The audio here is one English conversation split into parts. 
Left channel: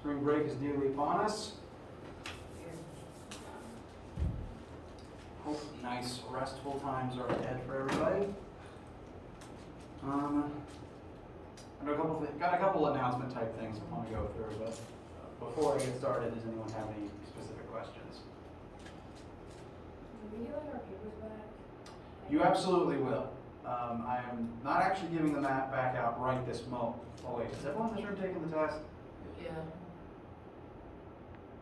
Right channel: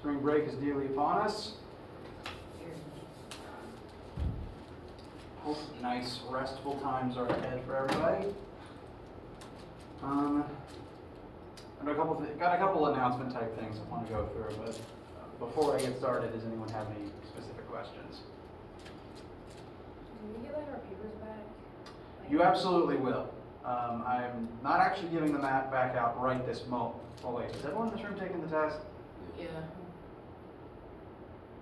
Spring break is nearly upon us. Hope nice, restful times are ahead for everybody. Got a couple announcement type things I want to go through, but before I get started, does anyone have any specific questions? Will we get our papers back? You absolutely will. I'm not actually giving them back out right this moment. Oh wait, is everyone in this room taking the test? Yeah.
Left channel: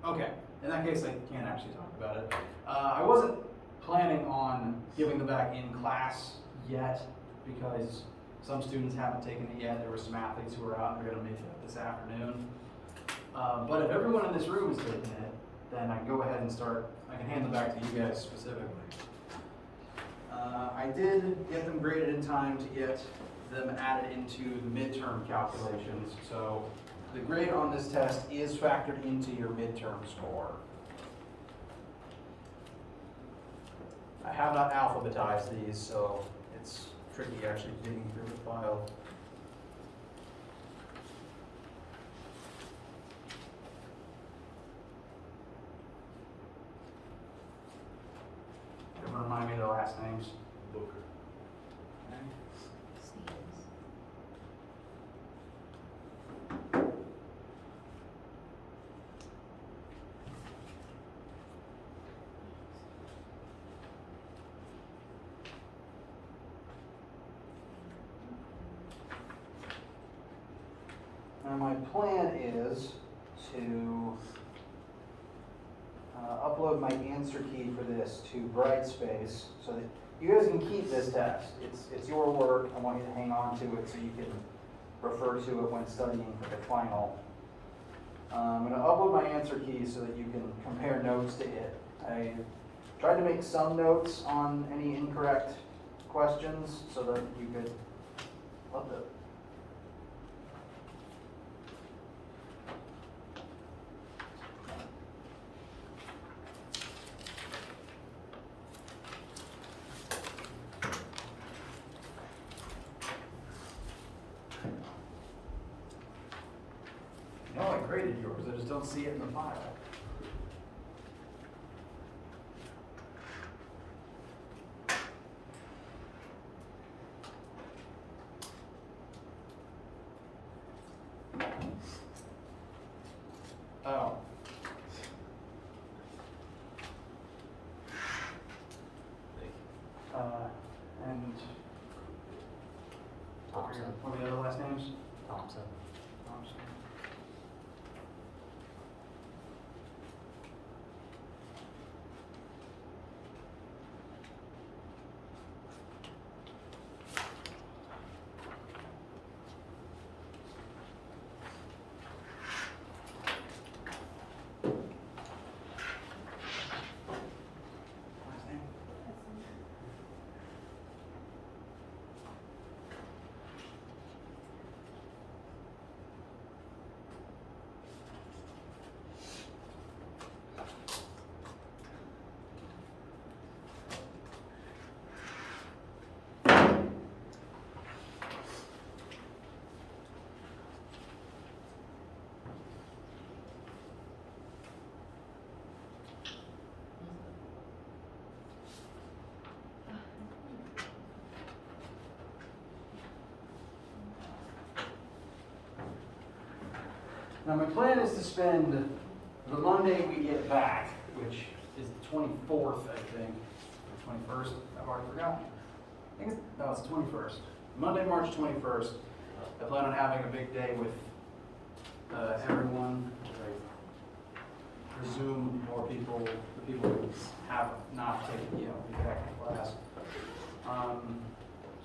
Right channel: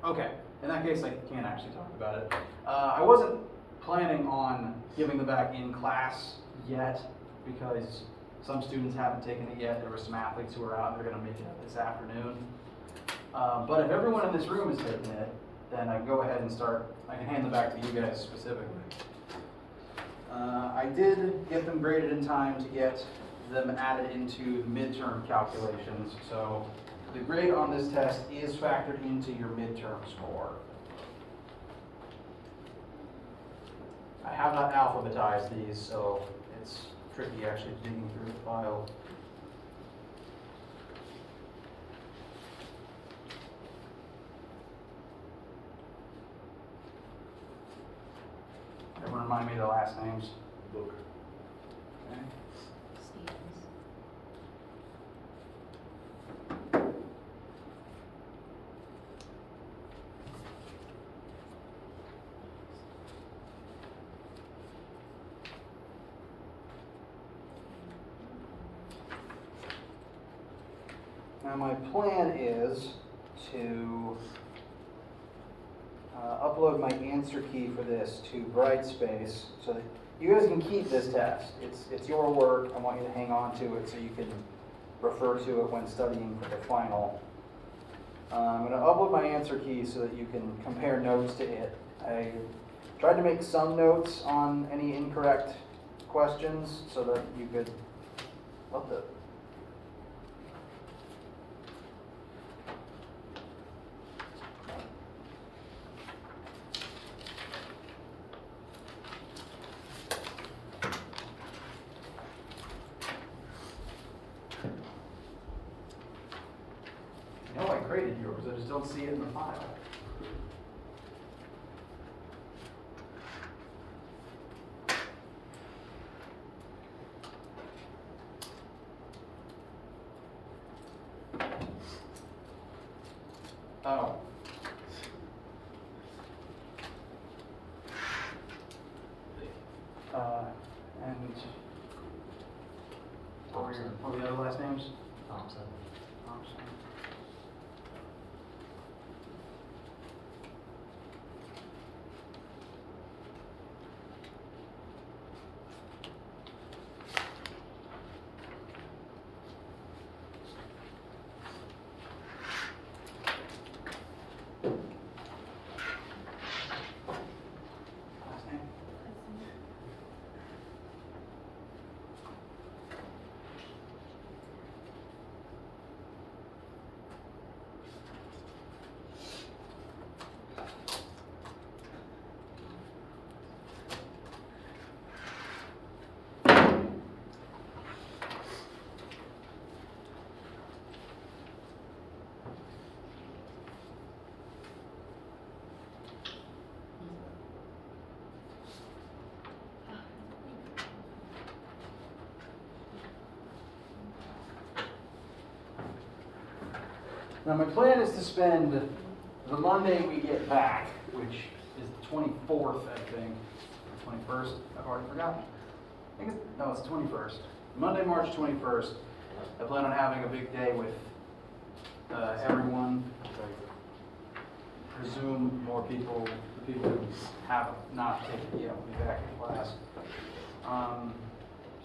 Okay, in that case I can't actually talk about it. I wasn't planning on giving them back in class yet because some students haven't taken it yet. There were some athletes who are out, they're going to make it up this afternoon. But if everyone in this room is taking it, then I can go ahead and I can hand them back to you guys specifically. I did get them graded in time to get them added into the midterm calculations. So the grade on this test is factored into your midterm score. I have not alphabetized these, so it's tricky actually digging through the file. Everyone remind me of their last names. Stevens. Now my plan is to upload my answer key for this to Brightspace so that you guys can keep this test. It's your work. I want you to hang on to it so you can refer to it when studying for the final. I'm going to upload my answer key so that you can compare notes to it. I tried to make some notes on any incorrect questions so that you could upload. I know I graded yours, I just don't see it in the file. Oh. And what were the other last names? Thompson. Thompson. Last name? Now my plan is to spend the Monday we get back, which is the 24th, I think, or 21st, I've already forgotten. No, it's the 21st. Monday, March 21st, I plan on having a big day with everyone. I presume more people, the people who have not taken, will be back in class.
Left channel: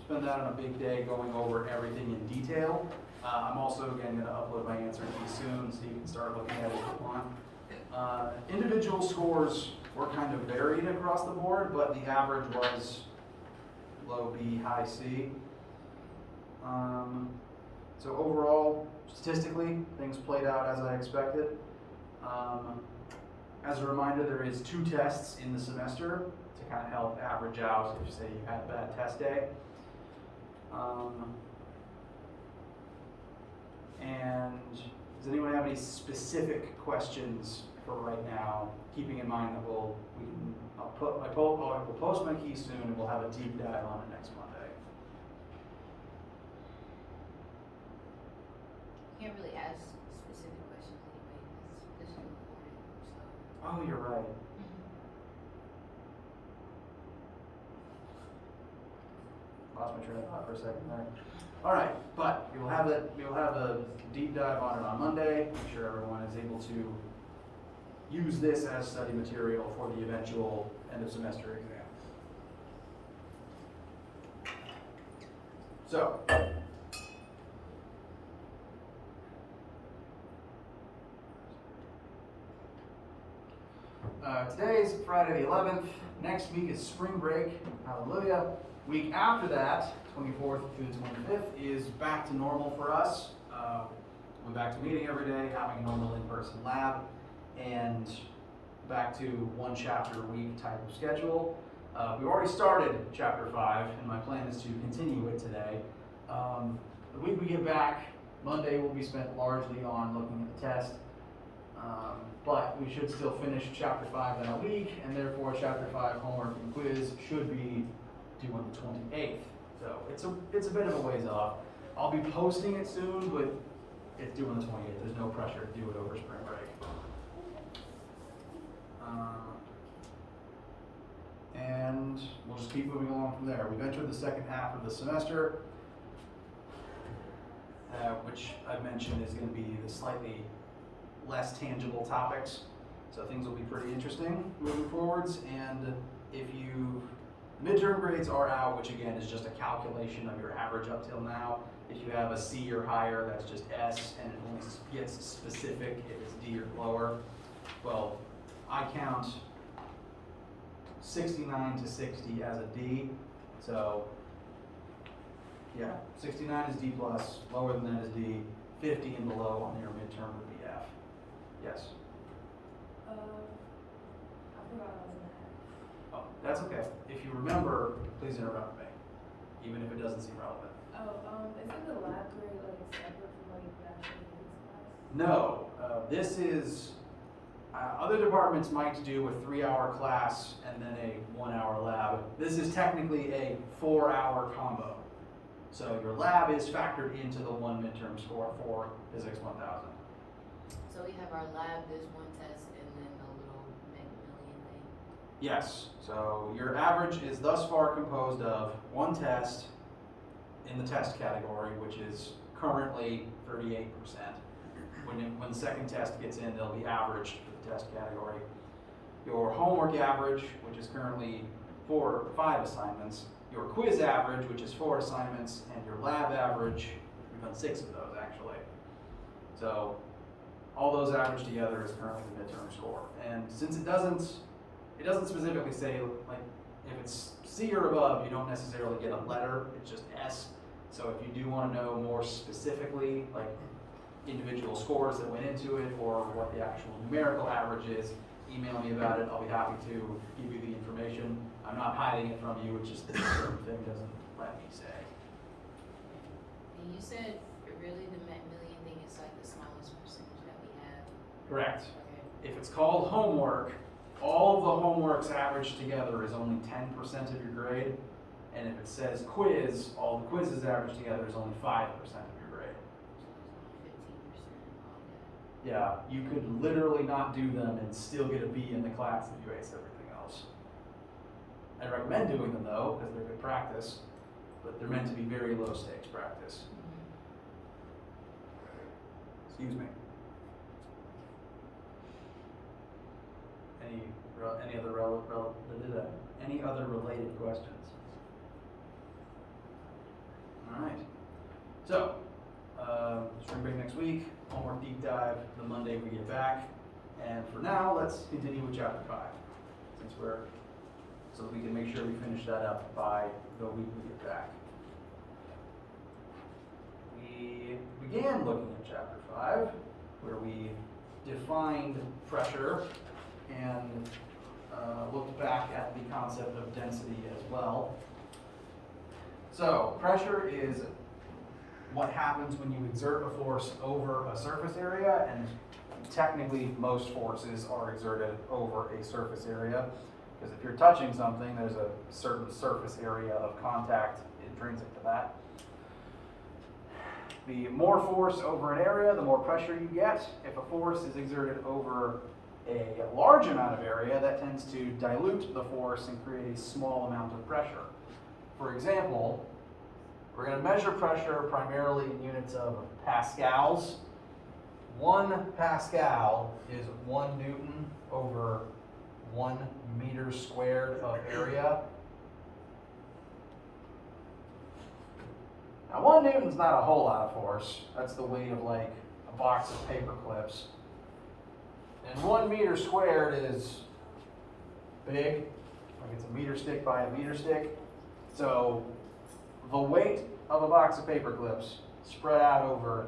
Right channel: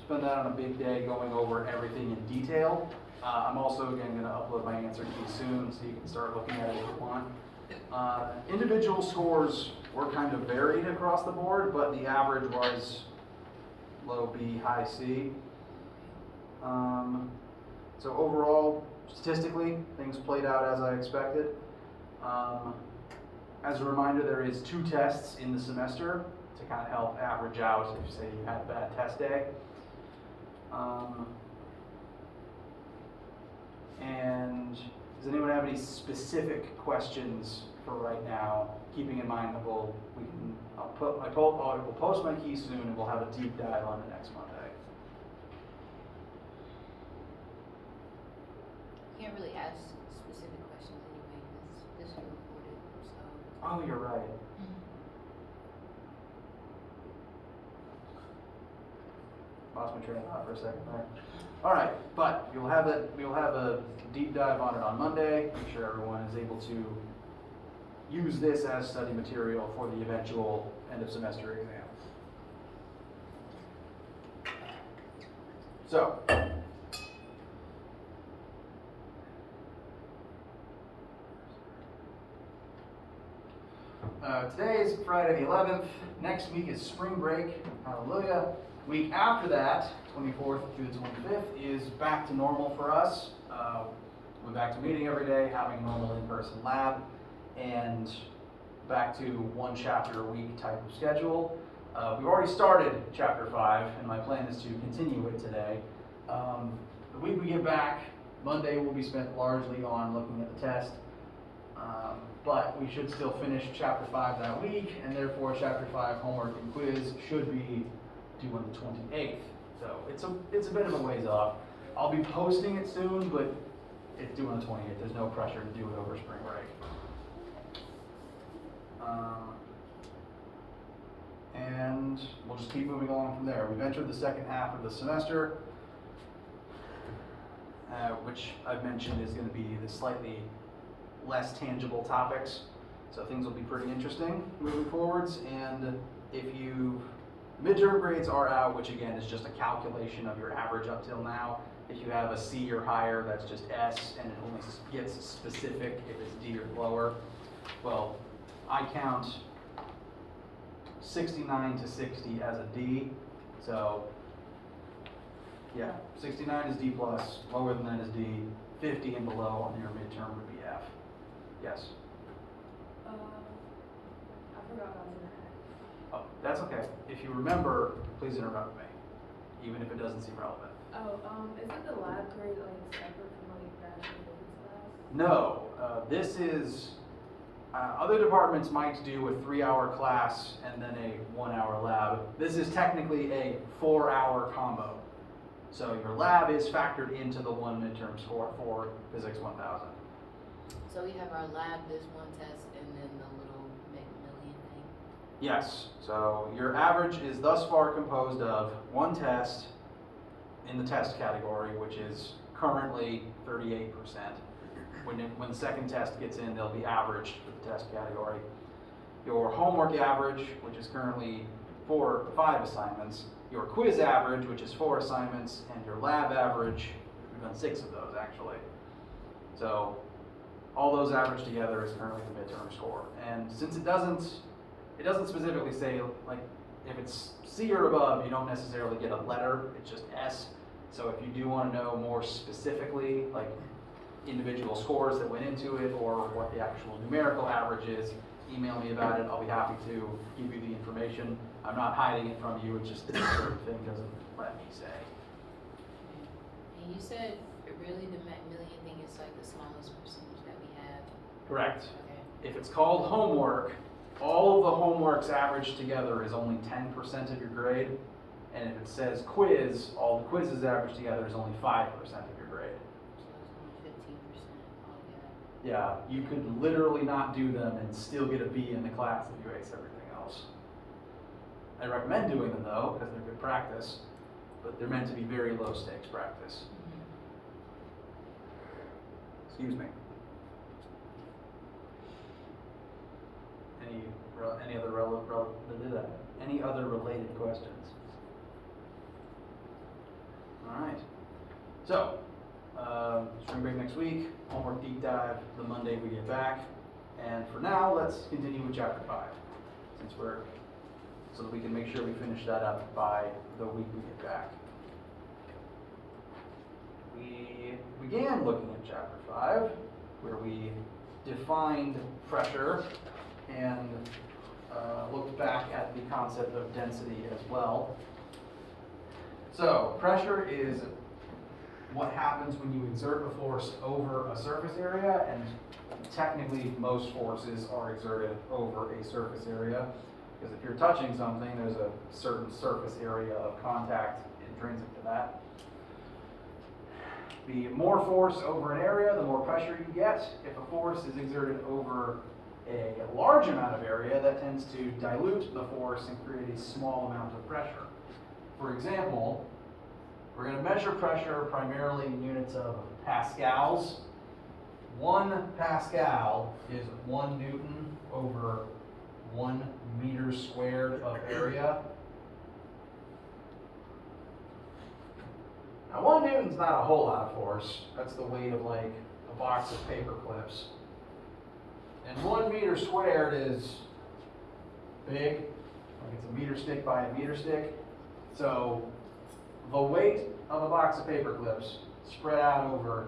Spend that on a big day going over everything in detail. I'm also, again, going to upload my answer key soon so you can start looking at it if you want. Individual scores were kind of varied across the board, but the average was low B, high C. So overall, statistically, things played out as I expected. As a reminder, there is 2 tests in the semester to kind of help average out if, say, you had a bad test day. And does anyone have any any specific questions for right now, keeping in mind that I will post my key soon, and we'll have a deep dive on it next Monday. You can't really ask specific questions anyway, this is recorded, so. Oh, you're right. Lost my train of thought for a second there. All right, but we'll have a deep dive on it on Monday. Make sure everyone is able to use this as study material for the eventual end of semester exam. So, today's Friday the 11th. Next week is spring break. Hallelujah. Week after that, 24th through the 25th, is back to normal for us. We're back to meeting every day, having a normal in-person lab, and back to one chapter a week type of schedule. We've already started chapter 5, and my plan is to continue it today. The week we get back, Monday will be spent largely on looking at the test, but we should still finish chapter 5 that week, and therefore chapter 5 homework and quiz should be due on the 28th. So it's a bit of a ways off. I'll be posting it soon, but it's due on the 28th. There's no pressure to do it over spring break. And we'll just keep moving along from there. We've entered the second half of the semester, which I've mentioned is going to be the slightly less tangible topics. So things will be pretty interesting moving forwards. And midterm grades are out, which again is just a calculation of your average up till now. If you have a C or higher, that's just S, and it only gets specific if it's D or lower. Well, I count 69 to 60 as a D, so yeah, 69 is D plus, lower than that is D, 50 and below on your midterm would be F. Yes? I forgot I was in that. Oh, that's okay. If you remember, please interrupt me, even if it doesn't seem relevant. Isn't the lab grade separate from natural physics class? No, this is, other departments might do a 3-hour class and then a 1-hour lab. This is technically a 4-hour combo. So your lab is factored into the one midterm score for Physics 1000. So we have our lab, there's one test, and then the little Macmillan thing? Yes, so your average is thus far composed of one test in the test category, which is currently 38%. When the second test gets in, they'll be averaged for the test category. Your homework average, which is currently 5 assignments, your quiz average, which is 4 assignments, and your lab average, we've done 6 of those actually. So all those averaged together is currently the midterm score. And since it doesn't specifically say, like, if it's C or above, you don't necessarily get a letter, it's just S. So if you do want to know more specifically, like individual scores that went into it or what the actual numerical average is, email me about it. I'll be happy to give you the information. I'm not hiding it from you, it's just a certain thing doesn't let me say. And you said really the Macmillan thing is like the smallest percentage that we have? Correct. Okay. If it's called homework, all the homeworks averaged together is only 10% of your grade. And if it says quiz, all the quizzes averaged together is only 5% of your grade. So it's only 15% altogether. Yeah, you could literally not do them and still get a B in the class if you ace everything else. I recommend doing them though, because they're good practice, but they're meant to be very low stakes practice. Excuse me. Any other related questions? All right. So, spring break next week, homework deep dive the Monday we get back. And for now, let's continue with chapter 5, so that we can make sure we finish that up by the week we get back. We began looking at chapter 5, where we defined pressure and looked back at the concept of density as well. So pressure is what happens when you exert a force over a surface area, and technically most forces are exerted over a surface area, because if you're touching something, there's a certain surface area of contact intrinsic to that. The more force over an area, the more pressure you get. If a force is exerted over a large amount of area, that tends to dilute the force and create a small amount of pressure. For example, we're going to measure pressure primarily in units of pascals. 1 Pascal is 1 Newton over 1 meter squared of area. Now 1 Newton's not a whole lot of force. That's the weight of like a box of paper clips. And 1 meter squared is big, like it's a meter stick by a meter stick. So the weight of a box of paper clips spread out over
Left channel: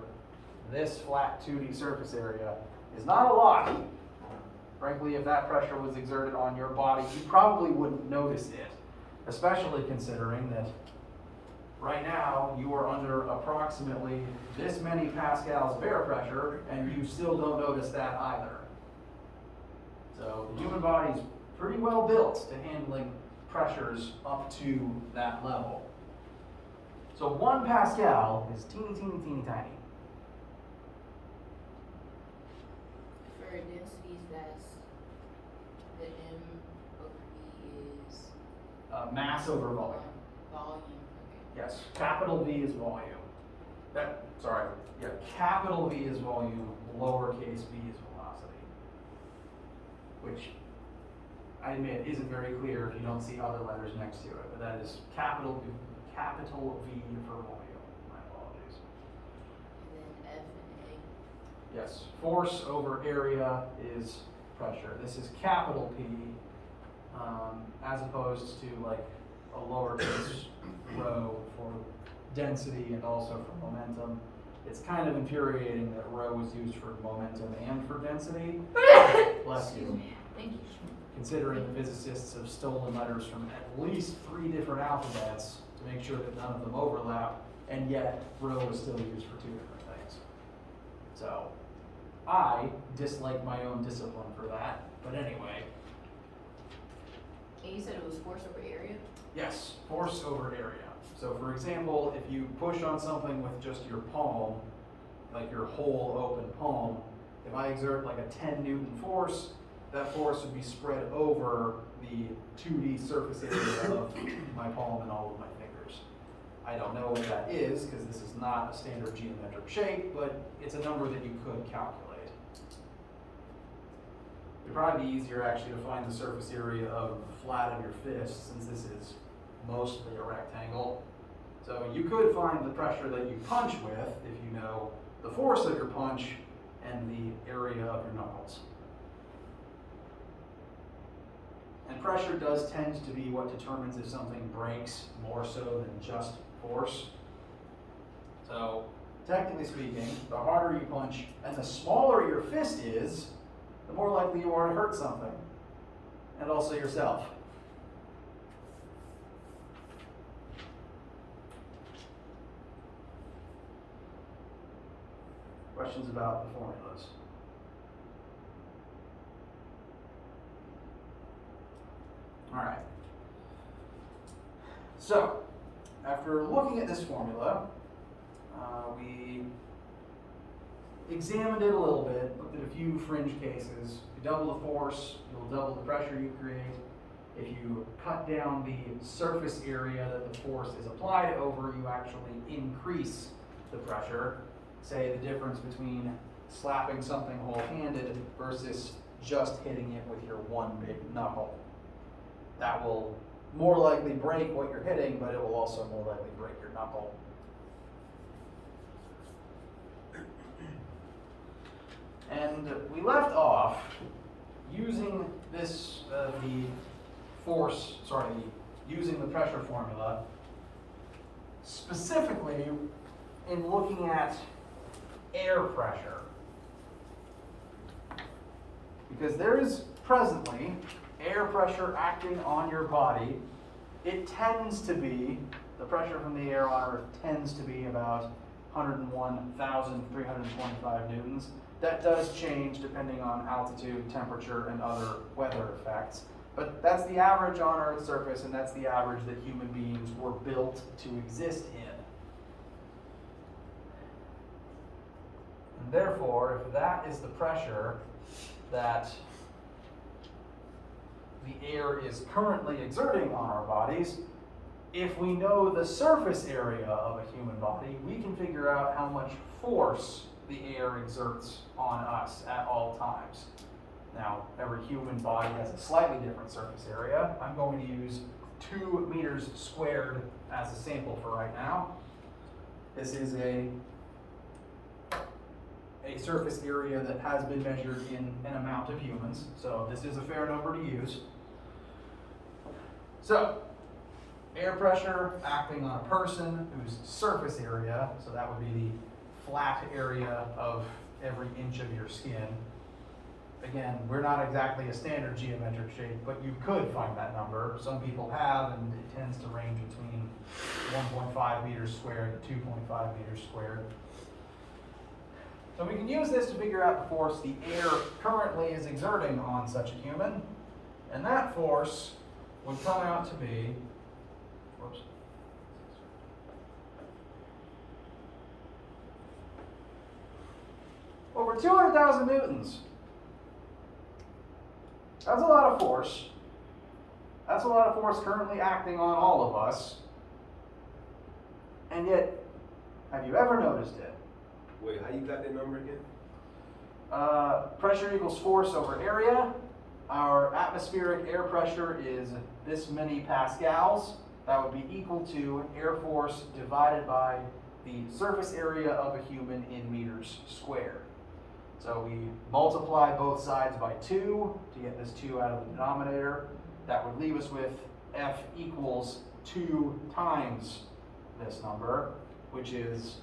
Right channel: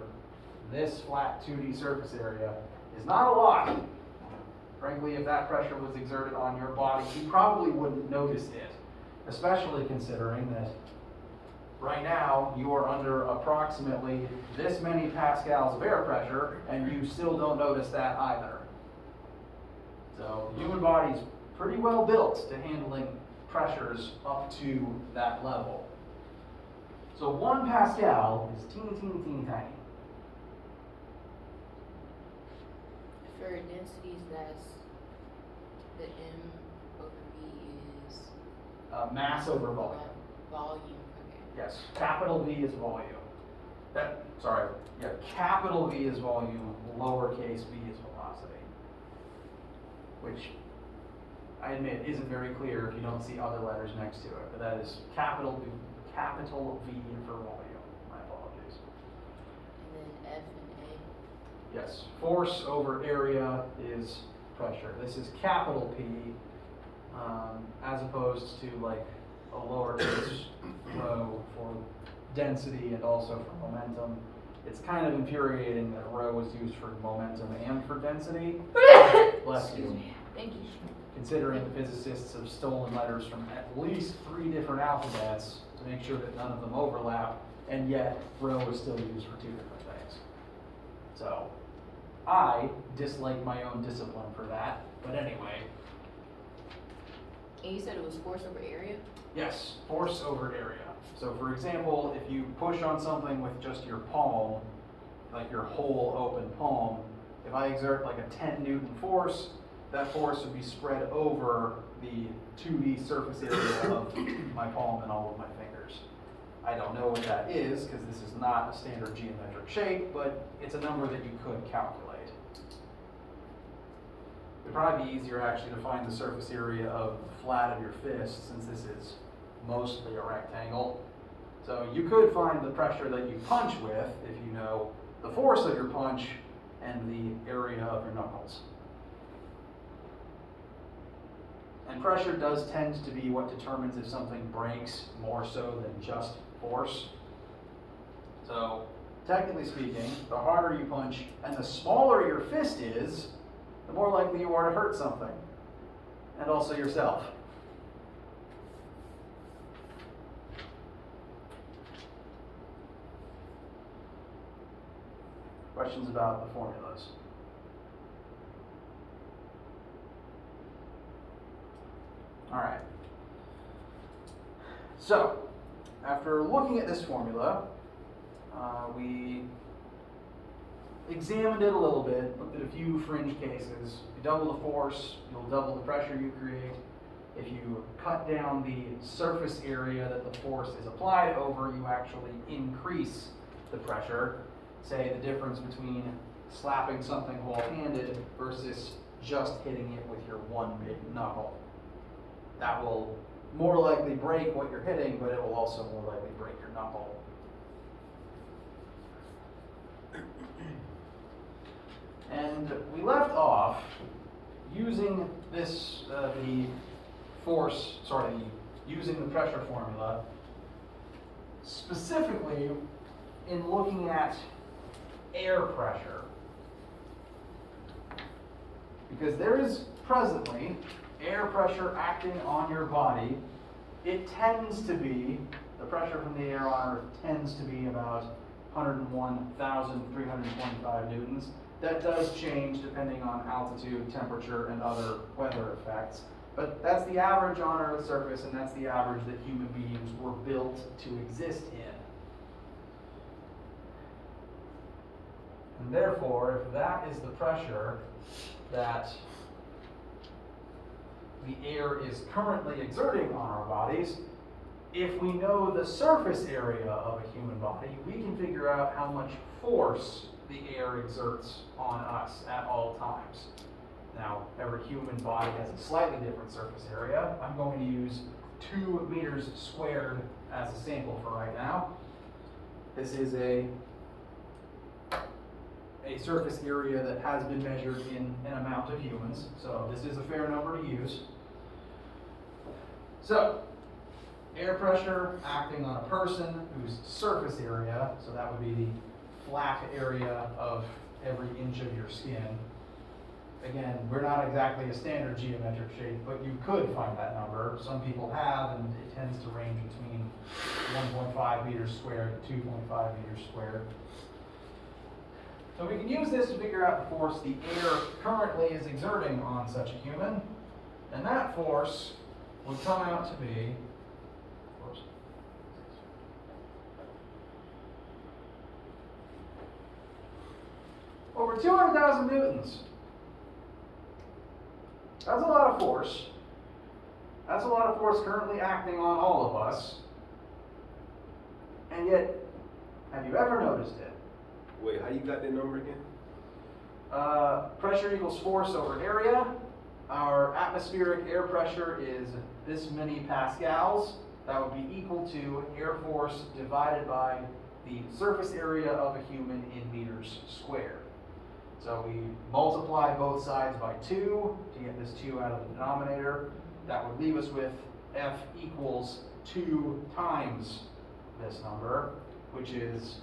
this flat 2D surface area is not a lot. Frankly, if that pressure was exerted on your body, you probably wouldn't notice it, especially considering that right now you are under approximately this many pascals of air pressure, and you still don't notice that either. So the human body's pretty well built to handling pressures up to that level. So 1 Pascal is teeny, teeny, teeny tiny. For densities, that's the M over V is Mass over volume. volume, okay. Yes, capital V is volume. Capital V is volume, lowercase v is velocity. Which, I admit, isn't very clear if you don't see other letters next to it, but that is capital V for volume. My apologies. And then F and A. Yes, force over area is pressure. This is capital P, as opposed to like a lowercase rho for density and also for momentum. It's kind of infuriating that rho was used for momentum and for density. Bless you. Thank you. Considering the physicists have stolen letters from at least 3 different alphabets to make sure that none of them overlap, and yet rho is still used for 2 different things. So, I dislike my own discipline for that, but anyway. And you said it was force over area? Yes, force over area. So for example, if you push on something with just your palm, like your whole open palm, if I exert like a 10 Newton force, that force would be spread over the 2D surface area of my palm and all of my fingers. I don't know what that is, because this is not a standard geometric shape, but it's a number that you could calculate. It'd probably be easier actually to find the surface area of the flat of your fist, since this is mostly a rectangle. So you could find the pressure that you punch with if you know the force of your punch and the area of your knuckles. And pressure does tend to be what determines if something breaks more so than just force. So technically speaking, the harder you punch and the smaller your fist is, the more likely you are to hurt something, and also yourself. Questions about the formulas? All right. So, after looking at this formula, we examined it a little bit, looked at a few fringe cases. You double the force, you'll double the pressure you create. If you cut down the surface area that the force is applied over, you actually increase the pressure. Say the difference between slapping something whole-handed versus just hitting it with your one big knuckle. That will more likely break what you're hitting, but it will also more likely break your knuckle. And we left off using this, using the pressure formula, specifically in looking at air pressure. Because there is presently air pressure acting on your body. It tends to be, the pressure from the air on Earth tends to be about 101,325 newtons. That does change depending on altitude, temperature, and other weather effects. But that's the average on Earth's surface, and that's the average that human beings were built to exist in. And therefore, if that is the pressure that the air is currently exerting on our bodies, if we know the surface area of a human body, we can figure out how much force the air exerts on us at all times. Now, every human body has a slightly different surface area. I'm going to use 2 meters squared as a sample for right now. This is a surface area that has been measured in an amount of humans, so this is a fair number to use. So, air pressure acting on a person whose surface area, so that would be the flat area of every inch of your skin. Again, we're not exactly a standard geometric shape, but you could find that number. Some people have, and it tends to range between 1.5 meters squared and 2.5 meters squared. So we can use this to figure out the force the air currently is exerting on such a human, and that force would come out to be, over 200,000 newtons. That's a lot of force. That's a lot of force currently acting on all of us. And yet, have you ever noticed it? Wait, how you got that number again? Pressure equals force over area. Our atmospheric air pressure is this many pascals. That would be equal to air force divided by the surface area of a human in meters squared. So we multiply both sides by 2 to get this 2 out of the denominator. That would leave us with F equals 2 times this number, which is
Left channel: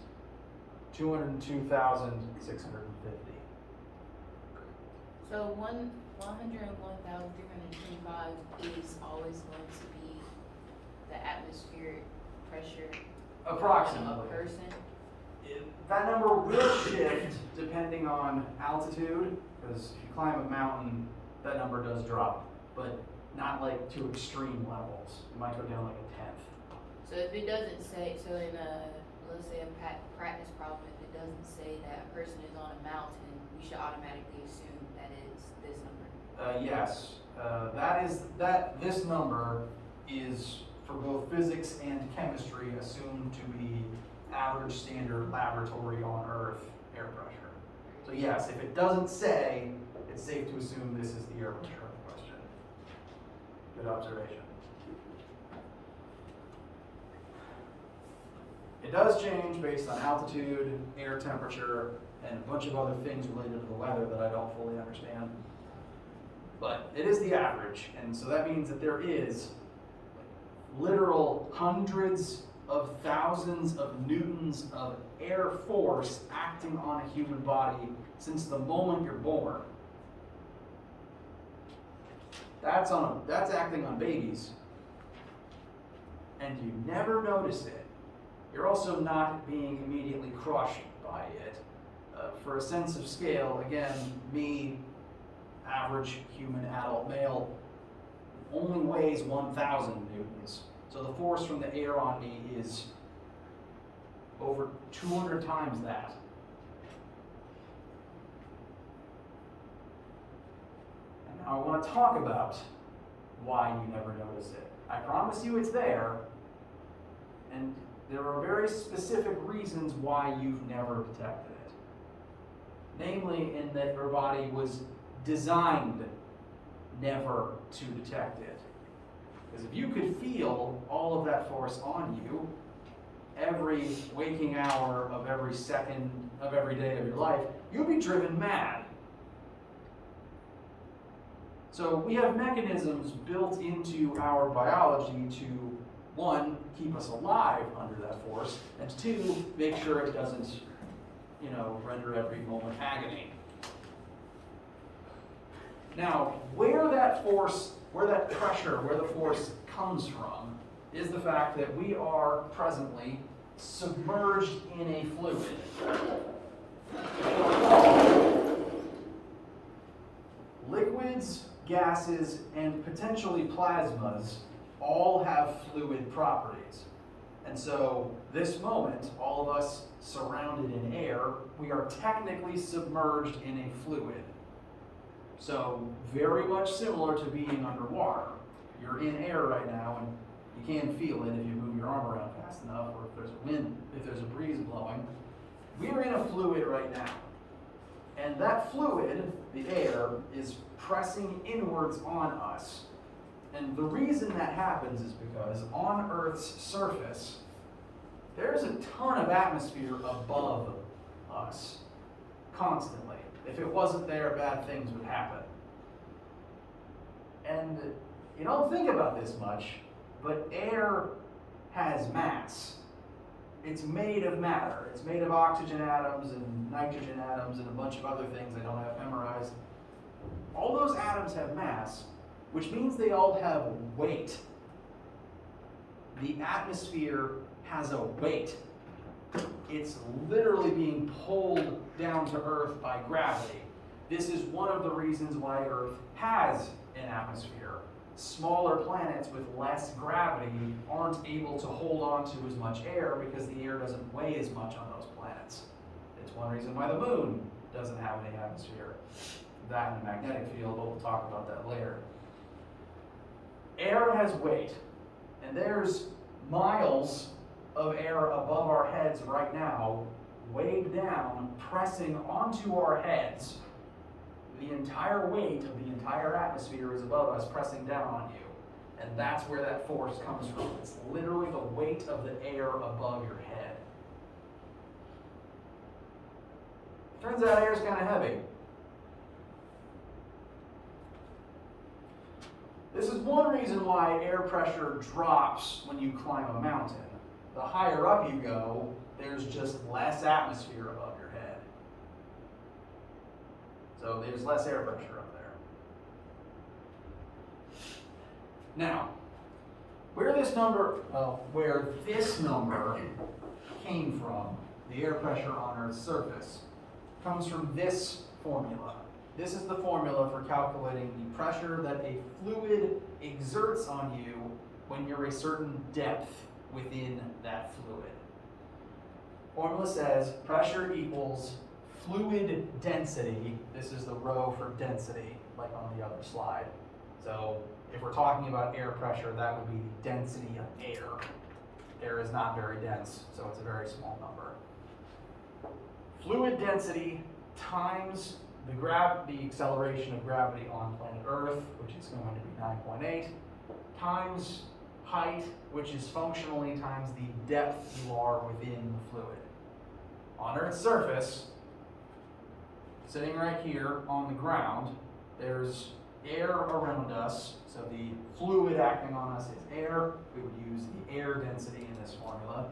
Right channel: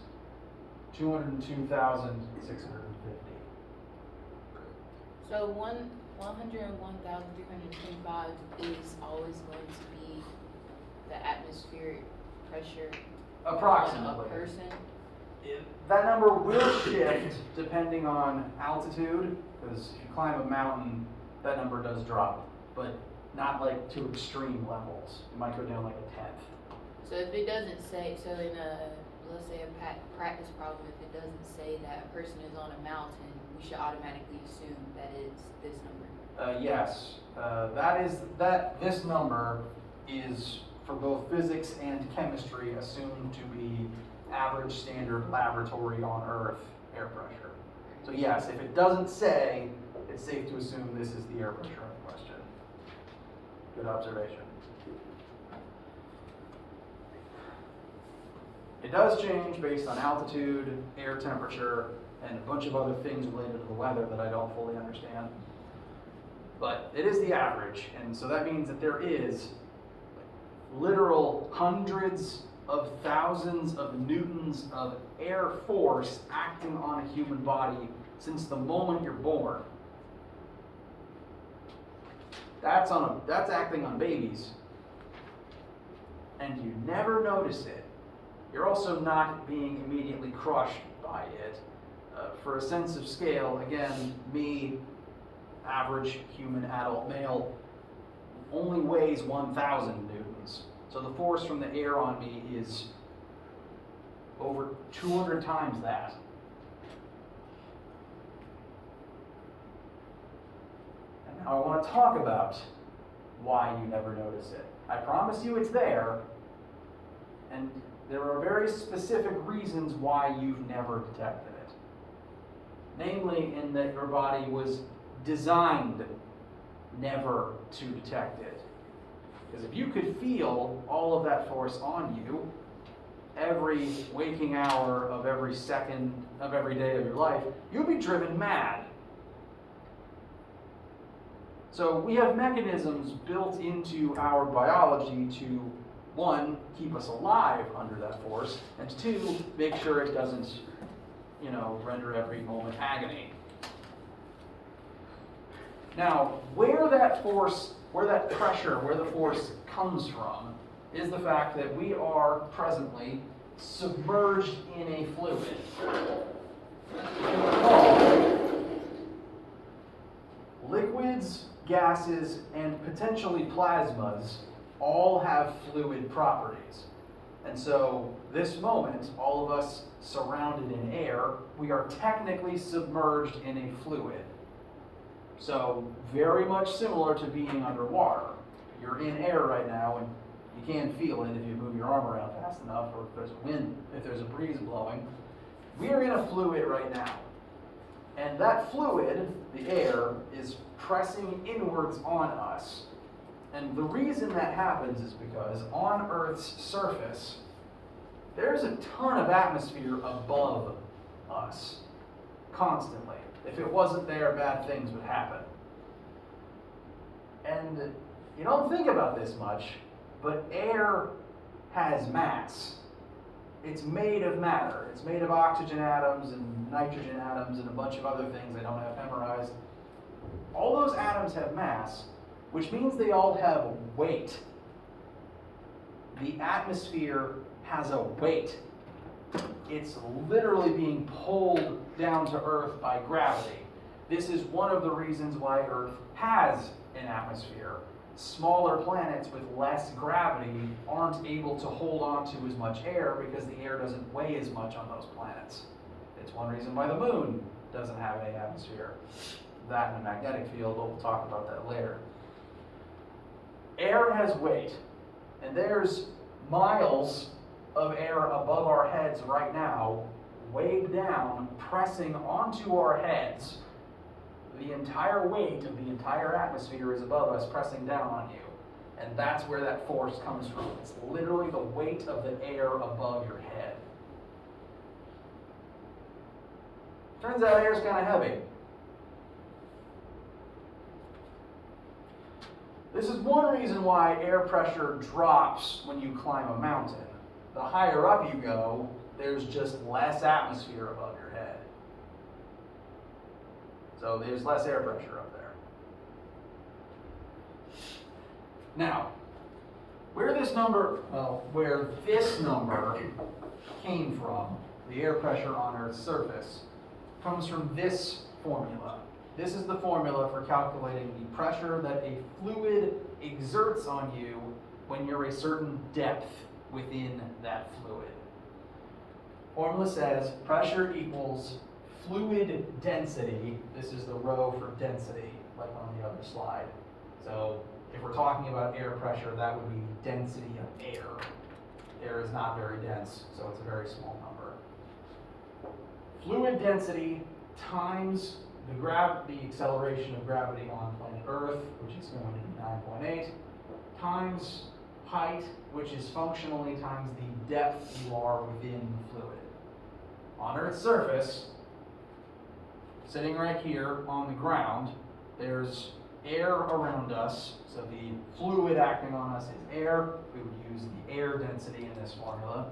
202,650. So 101,325 is always going to be the atmospheric pressure Approximately. on a person. That number will shift depending on altitude, because if you climb a mountain, that number does drop, but not like to extreme levels. It might go down like a tenth. So if it doesn't say, so in a, let's say a practice problem, if it doesn't say that a person is on a mountain, we should automatically assume that it's this number. Yes, this number is for both physics and chemistry assumed to be average standard laboratory on Earth air pressure. So yes, if it doesn't say, it's safe to assume this is the air pressure in question. Good observation. It does change based on altitude, air temperature, and a bunch of other things related to the weather that I don't fully understand. But it is the average, and so that means that there is literal hundreds of thousands of newtons of air force acting on a human body since the moment you're born. That's acting on babies, and you never notice it. You're also not being immediately crushed by it. For a sense of scale, again, me, average human adult male, only weighs 1,000 newtons. So the force from the air on me is over 200 times that. And now I want to talk about why you never notice it. I promise you it's there, and there are very specific reasons why you've never detected it. Namely, in that your body was designed never to detect it. Because if you could feel all of that force on you every waking hour of every second of every day of your life, you'd be driven mad. So we have mechanisms built into our biology to, 1, keep us alive under that force, and 2, make sure it doesn't, render every moment agony. Now, where the force comes from is the fact that we are presently submerged in a fluid. If you recall, liquids, gases, and potentially plasmas all have fluid properties. And so this moment, all of us surrounded in air, we are technically submerged in a fluid. So very much similar to being underwater. You're in air right now and you can feel it if you move your arm around fast enough, or if there's a wind, if there's a breeze blowing. We're in a fluid right now. And that fluid, the air, is pressing inwards on us. And the reason that happens is because on Earth's surface, there's a ton of atmosphere above us, constantly. If it wasn't there, bad things would happen. And you don't think about this much, but air has mass. It's made of matter. It's made of oxygen atoms and nitrogen atoms and a bunch of other things I don't have memorized. All those atoms have mass, which means they all have weight. The atmosphere has a weight. It's literally being pulled down to Earth by gravity. This is one of the reasons why Earth has an atmosphere. Smaller planets with less gravity aren't able to hold on to as much air because the air doesn't weigh as much on those planets. It's one reason why the moon doesn't have any atmosphere. That and a magnetic field, but we'll talk about that later. Air has weight, and there's miles of air above our heads right now, weighed down, pressing onto our heads. The entire weight of the entire atmosphere is above us, pressing down on you. And that's where that force comes from. It's literally the weight of the air above your head. Turns out air's kind of heavy. This is one reason why air pressure drops when you climb a mountain. The higher up you go, there's just less atmosphere above your head. So there's less air pressure up there. Now, where this number came from, the air pressure on Earth's surface, comes from this formula. This is the formula for calculating the pressure that a fluid exerts on you when you're a certain depth within that fluid. Formula says pressure equals fluid density. This is the rho for density, like on the other slide. So if we're talking about air pressure, that would be the density of air. Air is not very dense, so it's a very small number. Fluid density times the acceleration of gravity on planet Earth, which is going to be 9.8, times height, which is functionally times the depth you are within the fluid. On Earth's surface, sitting right here on the ground, there's air around us, so the fluid acting on us is air. We would use the air density in this formula.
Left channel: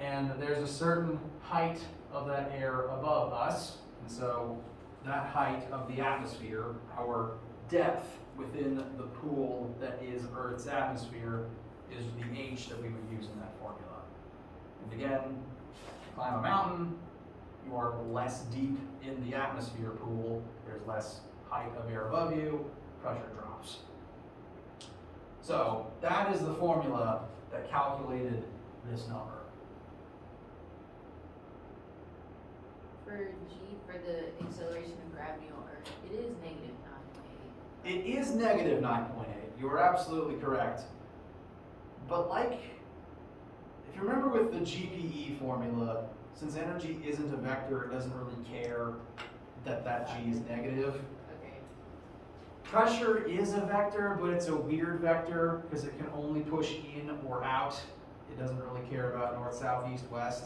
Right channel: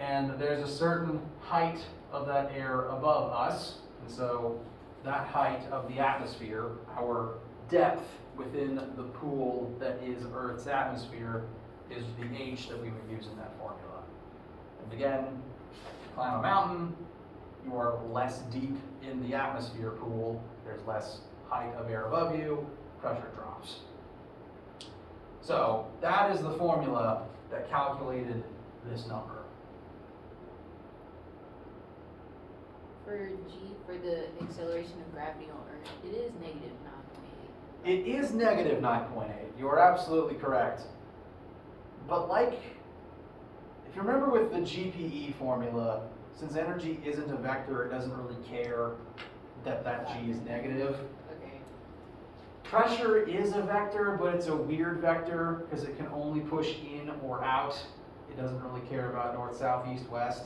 And there's a certain height of that air above us, and so that height of the atmosphere, our depth within the pool that is Earth's atmosphere, is the H that we would use in that formula. And again, climb a mountain, you are less deep in the atmosphere pool, there's less height of air above you, pressure drops. So that is the formula that calculated this number. For the acceleration of gravity on Earth, it is negative 9.8. It is negative 9.8. You are absolutely correct. But like, if you remember with the GPE formula, since energy isn't a vector, it doesn't really care that G is negative. Okay. Pressure is a vector, but it's a weird vector because it can only push in or out. It doesn't really care about north, south, east, west.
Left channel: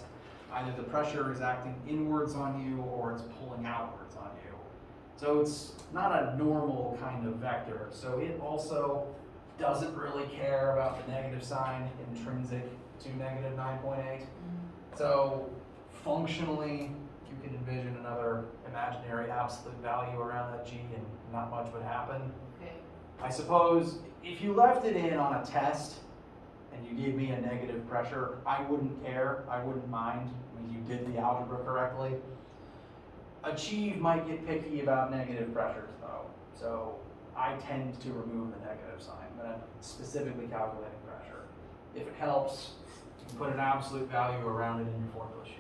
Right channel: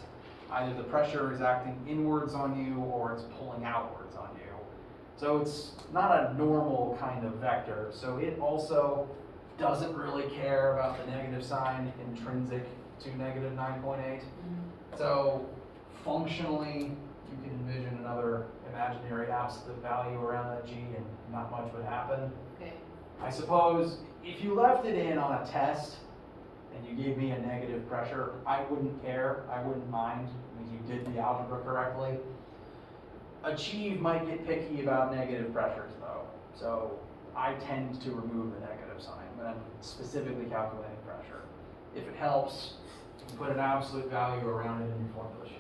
Either the pressure is acting inwards on you or it's pulling outwards on you. So it's not a normal kind of vector. So it also doesn't really care about the negative sign intrinsic to negative 9.8. So functionally, you can envision another imaginary absolute value around that G and not much would happen. Okay. I suppose if you left it in on a test and you gave me a negative pressure, I wouldn't care, I wouldn't mind. I mean, you did the algebra correctly. Achieve might get picky about negative pressures though, so I tend to remove the negative sign when I'm specifically calculating pressure. If it helps, you can put an absolute value around it in your formula sheet.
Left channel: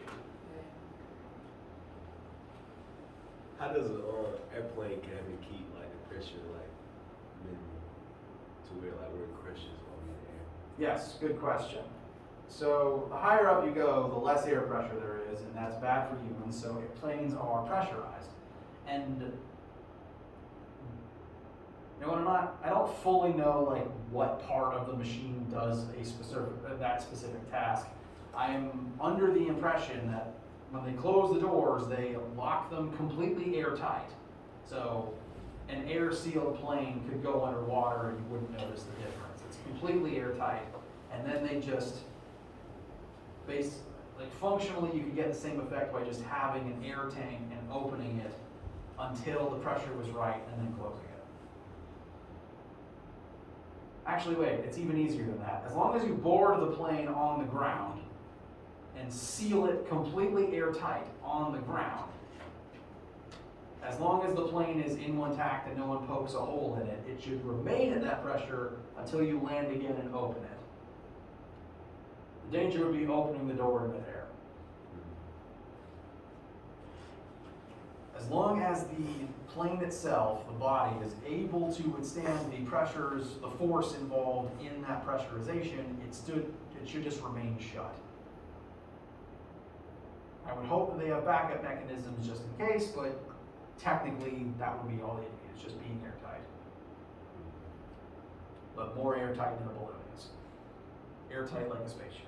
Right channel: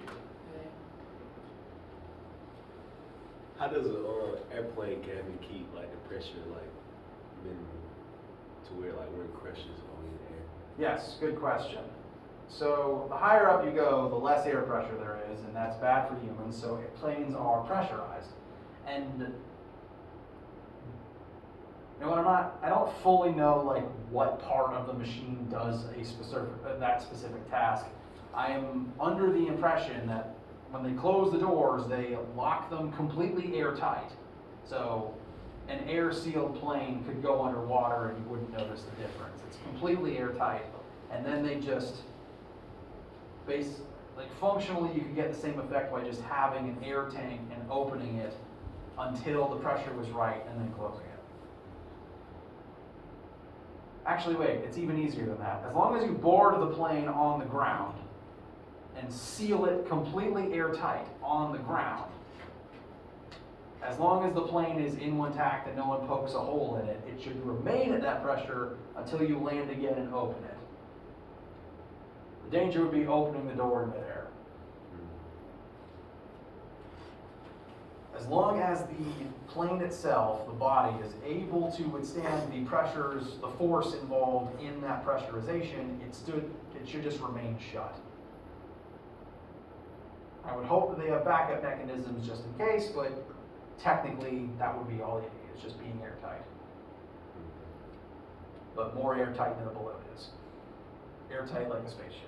How does an airplane cabin keep like the pressure like minimal to where like when it crashes on the air? Yes, good question. So the higher up you go, the less air pressure there is, and that's bad for humans, so planes are pressurized. And you know what, I don't fully know like what part of the machine does that specific task. I am under the impression that when they close the doors, they lock them completely airtight. So an air-sealed plane could go underwater and you wouldn't notice the difference. It's completely airtight, and then they just functionally you can get the same effect by just having an air tank and opening it until the pressure was right and then closing it. Actually, wait, it's even easier than that. As long as you board the plane on the ground and seal it completely airtight on the ground, as long as the plane is intact and no one pokes a hole in it, it should remain at that pressure until you land again and open it. The danger would be opening the door in midair. As long as the plane itself, the body, is able to withstand the pressures, the force involved in that pressurization, it should just remain shut. I would hope that they have backup mechanisms just in case, but technically that would be all you need. It's just being airtight. But more airtight than a balloon is. Airtight like a spaceship.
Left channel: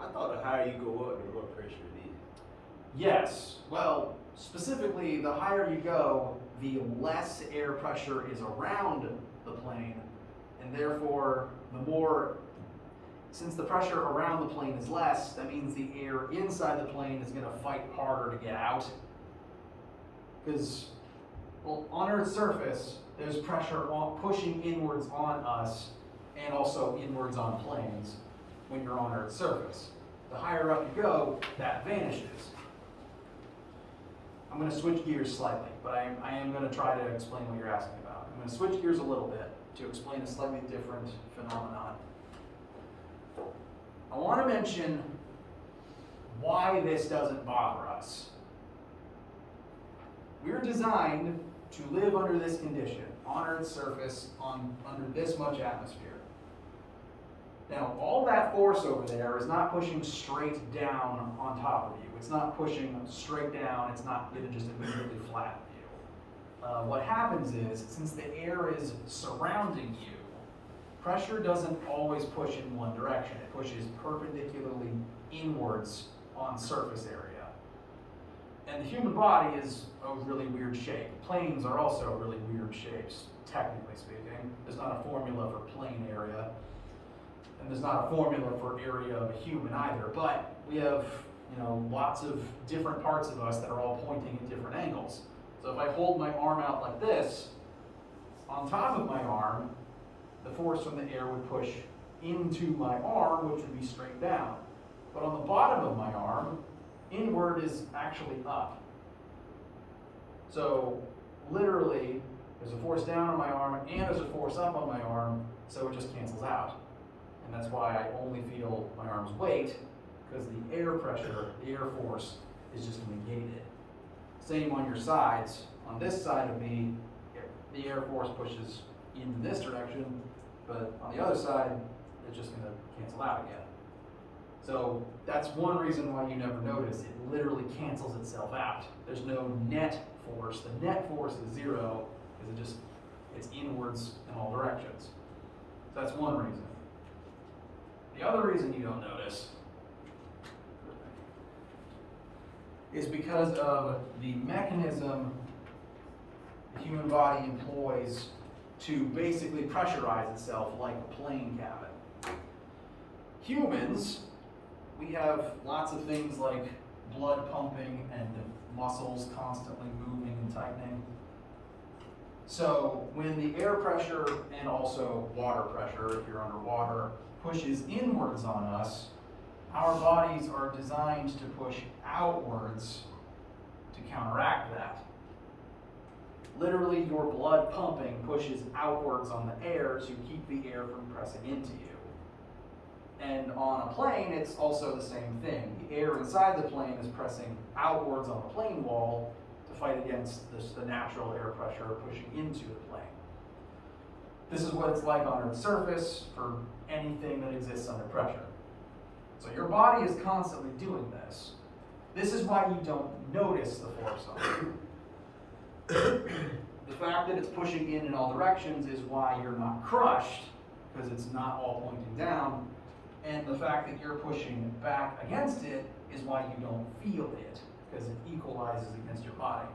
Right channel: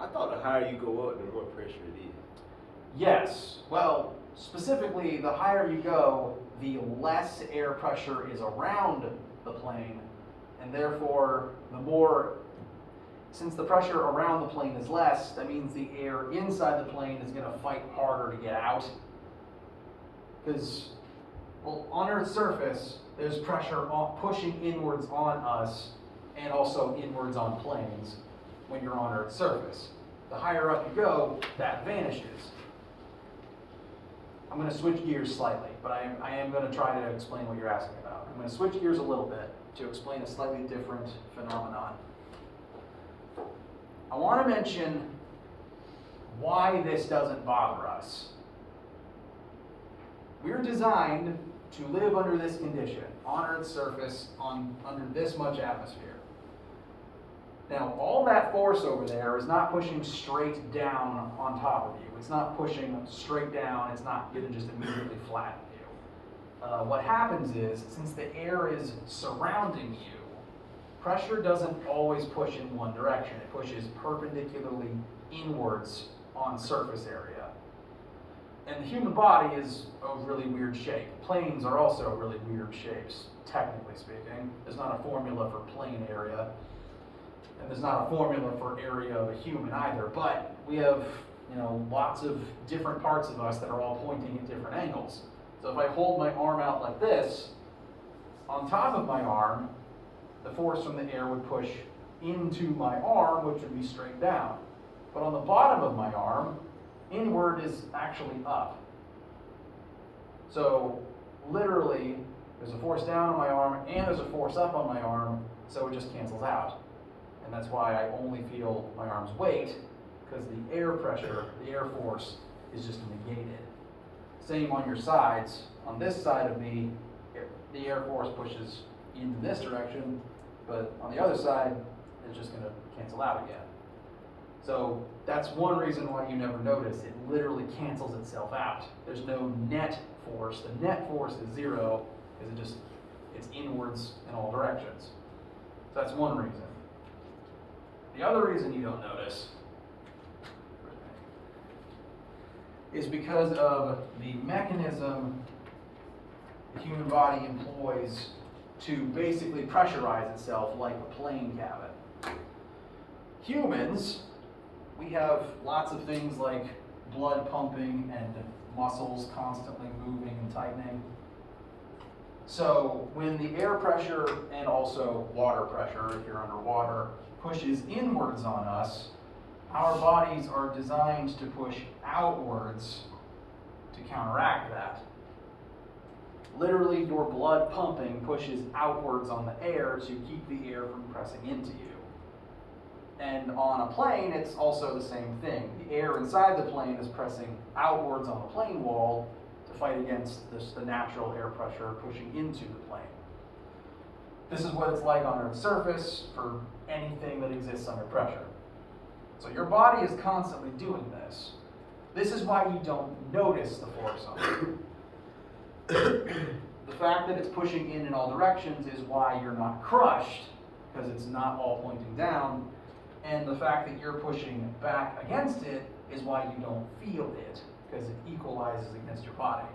I thought the higher you go up, the more pressure it is. Yes, well, specifically, the higher you go, the less air pressure is around the plane, and therefore, the more, since the pressure around the plane is less, that means the air inside the plane is gonna fight harder to get out. Because, well, on Earth's surface, there's pressure pushing inwards on us, and also inwards on planes when you're on Earth's surface. The higher up you go, that vanishes. I'm going to switch gears slightly, but I am going to try to explain what you're asking about. I'm going to switch gears a little bit to explain a slightly different phenomenon. I want to mention why this doesn't bother us. We're designed to live under this condition, on Earth's surface, under this much atmosphere. Now, all that force over there is not pushing straight down on top of you. It's not pushing straight down. It's not going to just immediately flatten you. What happens is, since the air is surrounding you, pressure doesn't always push in one direction. It pushes perpendicularly inwards on surface area. And the human body is a really weird shape. Planes are also really weird shapes, technically speaking. There's not a formula for plane area. And there's not a formula for area of a human either, but we have, lots of different parts of us that are all pointing at different angles. So if I hold my arm out like this, on top of my arm, the force from the air would push into my arm, which would be straight down. But on the bottom of my arm, inward is actually up. So literally, there's a force down on my arm and there's a force up on my arm, so it just cancels out. And that's why I only feel my arm's weight, because the air pressure, the air force, is just negated. Same on your sides. On this side of me, the air force pushes into this direction, but on the other side, it's just going to cancel out again. So that's one reason why you never notice. It literally cancels itself out. There's no net force. The net force is zero, because it's inwards in all directions. So that's one reason. The other reason you don't notice is because of the mechanism the human body employs to basically pressurize itself like a plane cabin. Humans, we have lots of things like blood pumping and muscles constantly moving and tightening. So when the air pressure and also water pressure, if you're underwater, pushes inwards on us, our bodies are designed to push outwards to counteract that. Literally, your blood pumping pushes outwards on the air to keep the air from pressing into you. And on a plane, it's also the same thing. The air inside the plane is pressing outwards on the plane wall to fight against the natural air pressure pushing into the plane. This is what it's like on Earth's surface for anything that exists under pressure. So your body is constantly doing this. This is why you don't notice the force on it. The fact that it's pushing in all directions is why you're not crushed, because it's not all pointing down. And the fact that you're pushing back against it is why you don't feel it, because it equalizes against your body.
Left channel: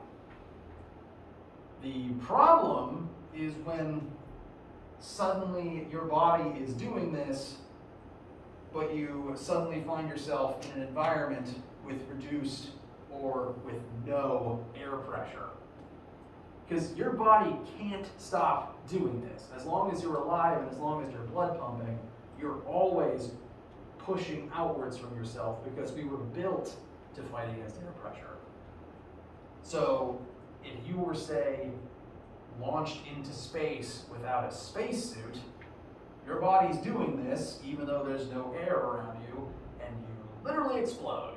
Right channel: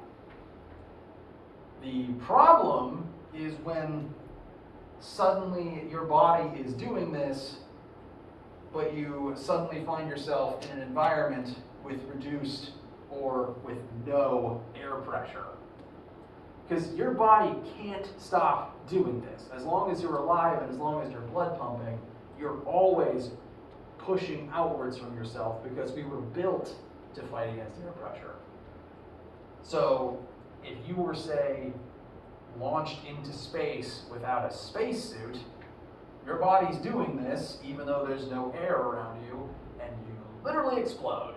The problem is when suddenly your body is doing this, but you suddenly find yourself in an environment with reduced or with no air pressure. Because your body can't stop doing this. As long as you're alive and as long as you're blood pumping, you're always pushing outwards from yourself because we were built to fight against air pressure. So if you were, say, launched into space without a spacesuit, your body's doing this even though there's no air around you, and you literally explode.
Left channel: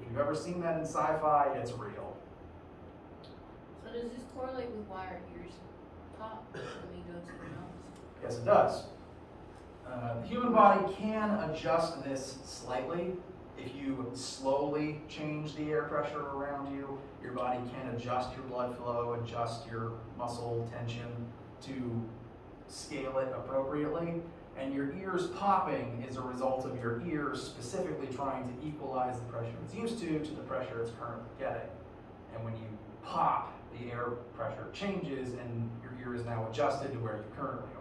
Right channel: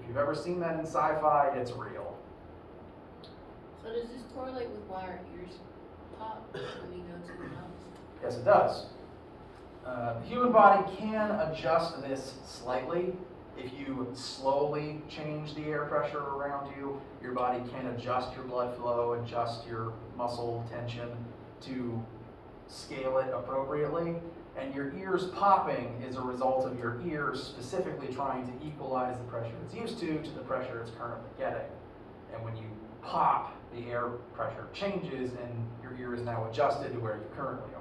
If you've ever seen that in sci-fi, it's real. So does this correlate with why our ears pop when we go to the house? Yes, it does. The human body can adjust this slightly. If you slowly change the air pressure around you, your body can adjust your blood flow, adjust your muscle tension to scale it appropriately. And your ears popping is a result of your ears specifically trying to equalize the pressure it's used to the pressure it's currently getting. And when you pop, the air pressure changes and your ear is now adjusted to where you currently are.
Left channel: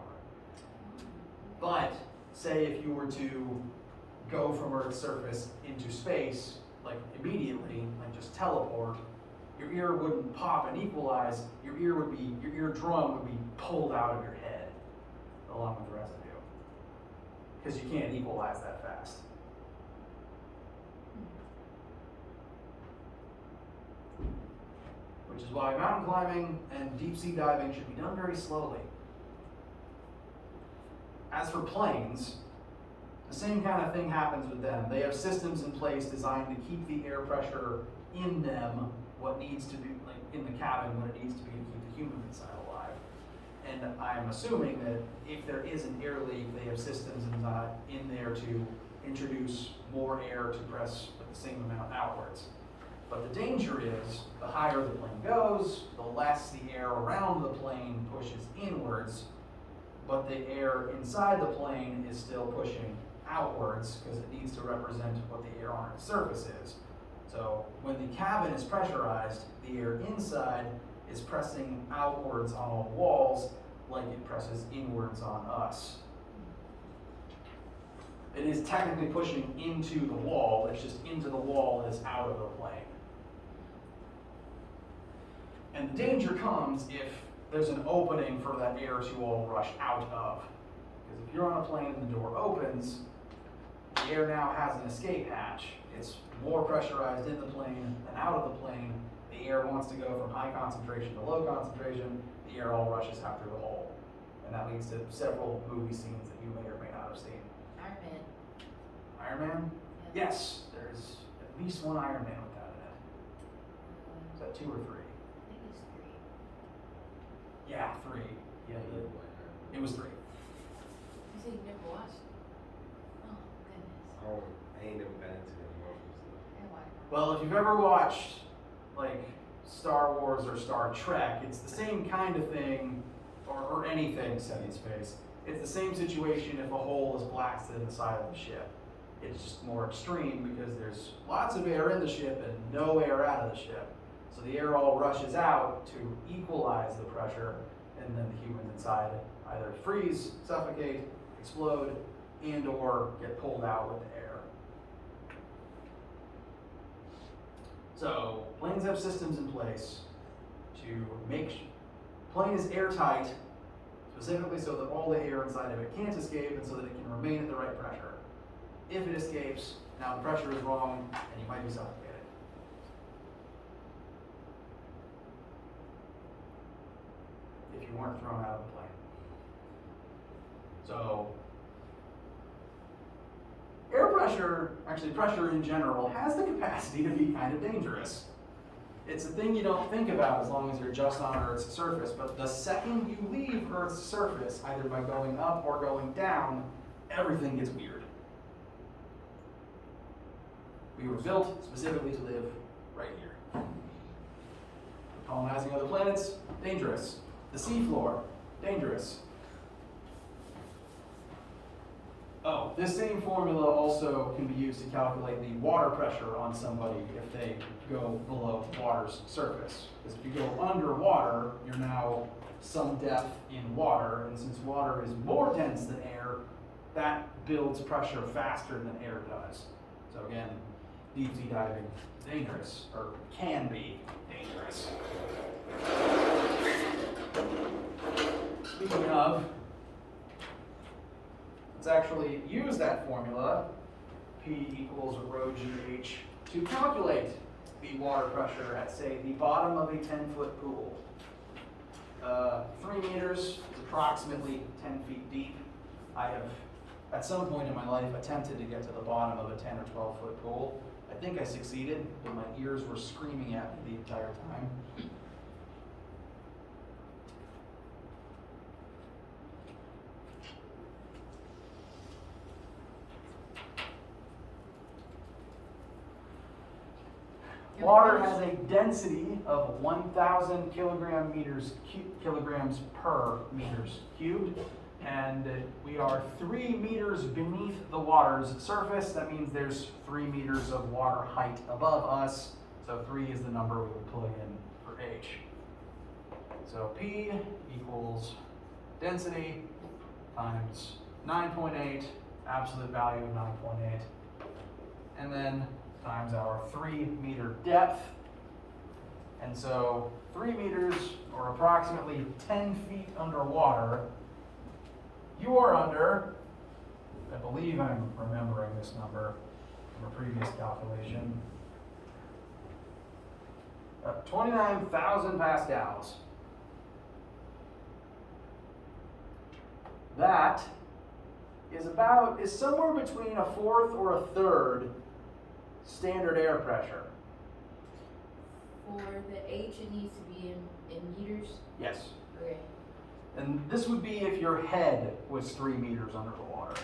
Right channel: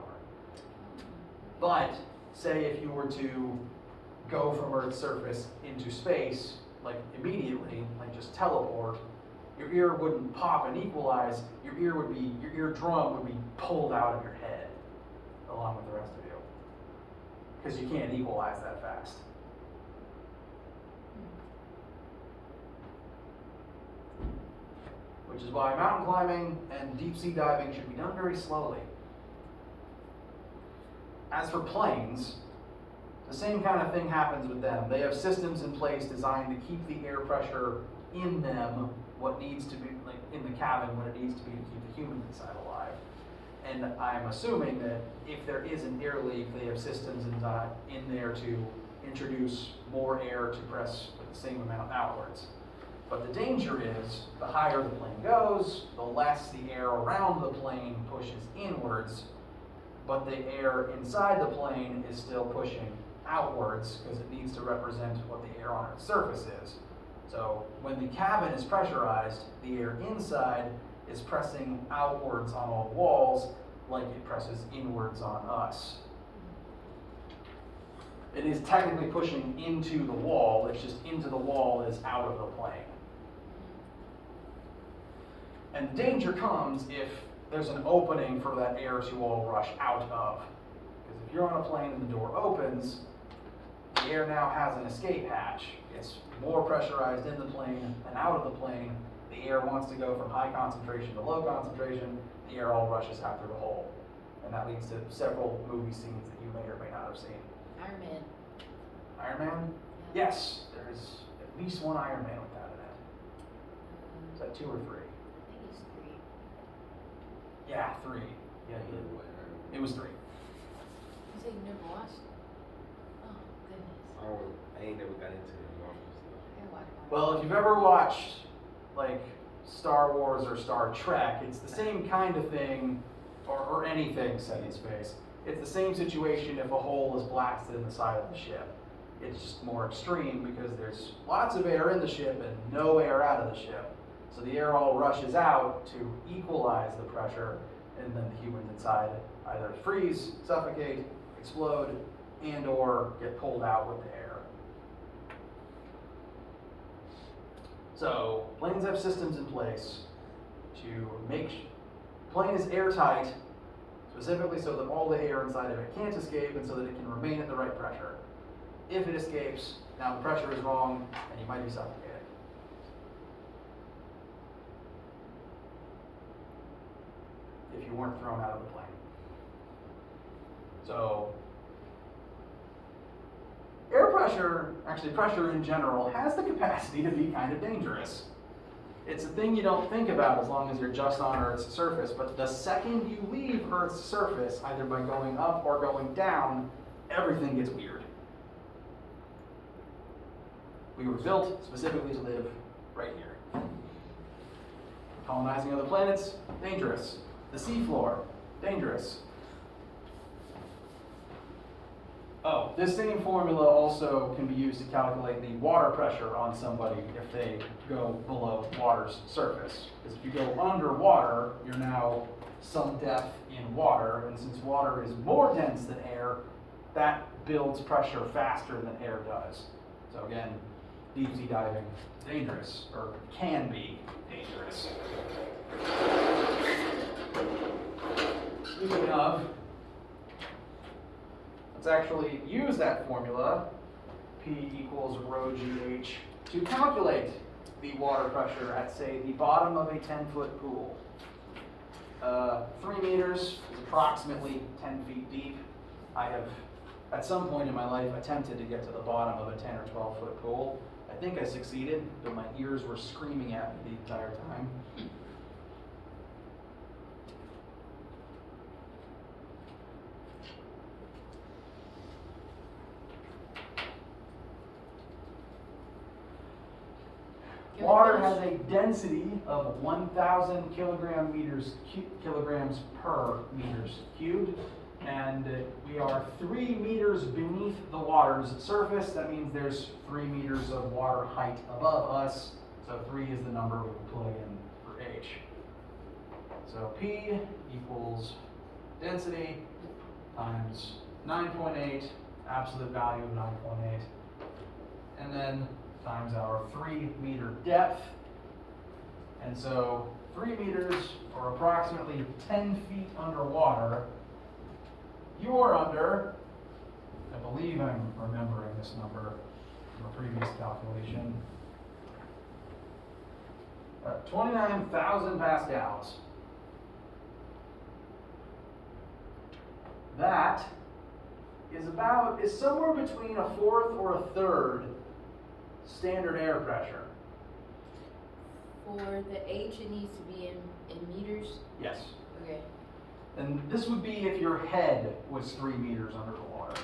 But say if you were to go from Earth's surface into space, like immediately, like just teleport, your ear wouldn't pop and equalize, your eardrum would be pulled out of your head along with the rest of you. Because you can't equalize that fast. Which is why mountain climbing and deep sea diving should be done very slowly. As for planes, the same kind of thing happens with them. They have systems in place designed to keep the air pressure in them, what needs to be, like in the cabin, what it needs to be to keep the humans inside alive. And I'm assuming that if there is an air leak, they have systems in there to introduce more air to press with the same amount outwards. But the danger is, the higher the plane goes, the less the air around the plane pushes inwards, but the air inside the plane is still pushing outwards because it needs to represent what the air on its surface is. So when the cabin is pressurized, the air inside is pressing outwards on all walls like it presses inwards on us. It is technically pushing into the wall, it's just into the wall is out of the plane. And the danger comes if there's an opening for that air to all rush out of. Because if you're on a plane and the door opens, the air now has an escape hatch. It's more pressurized in the plane and out of the plane. The air wants to go from high concentration to low concentration. The air all rushes out through the hole. And that leads to several movie scenes that you may or may not have seen. Iron Man. Iron Man? Yeah. Yes, there's at least one Iron Man with that in it. Is that 2 or 3? I think it's 3. Yeah, 3. Yeah, it was 3. You say you never watched it? Oh, goodness. I ain't never got into the Marvel stuff. I watched it. Well, if you've ever watched like Star Wars or Star Trek, it's the same kind of thing, or anything set in space. It's the same situation if a hole is blasted in the side of the ship. It's just more extreme because there's lots of air in the ship and no air out of the ship. So the air all rushes out to equalize the pressure, and then the humans inside either freeze, suffocate, explode, and or get pulled out with the air. So planes have systems in place to make plane is airtight specifically so that all the air inside of it can't escape and so that it can remain at the right pressure. If it escapes, now the pressure is wrong and you might be suffocated. If you weren't thrown out of the plane. So, air pressure, actually pressure in general, has the capacity to be kind of dangerous. It's a thing you don't think about as long as you're just on Earth's surface, but the second you leave Earth's surface, either by going up or going down, everything gets weird. We were built specifically to live right here. Colonizing other planets, dangerous. The seafloor, dangerous. Oh, this same formula also can be used to calculate the water pressure on somebody if they go below water's surface. Because if you go underwater, you're now some depth in water, and since water is more dense than air, that builds pressure faster than air does. So again, deep sea diving, dangerous, or can be dangerous. Speaking of, let's actually use that formula, P equals rho GH, to calculate the water pressure at, say, the bottom of a 10-foot pool. 3 meters is approximately 10 feet deep. I have, at some point in my life, attempted to get to the bottom of a 10 or 12-foot pool. I think I succeeded, but my ears were screaming at me the entire time. Water has a density of 1,000 kilograms per meters cubed, and we are 3 meters beneath the water's surface. That means there's 3 meters of water height above us, so 3 is the number we plug in for H. So P equals density times 9.8, absolute value of 9.8, and then times our 3 meter depth. And so 3 meters, or approximately 10 feet underwater, you are under, I believe I'm remembering this number from a previous calculation, 29,000 pascals. That is somewhere between a fourth or a third standard air pressure. For the H, it needs to be in meters? Yes. Okay. And this would be if your head was 3 meters under the water.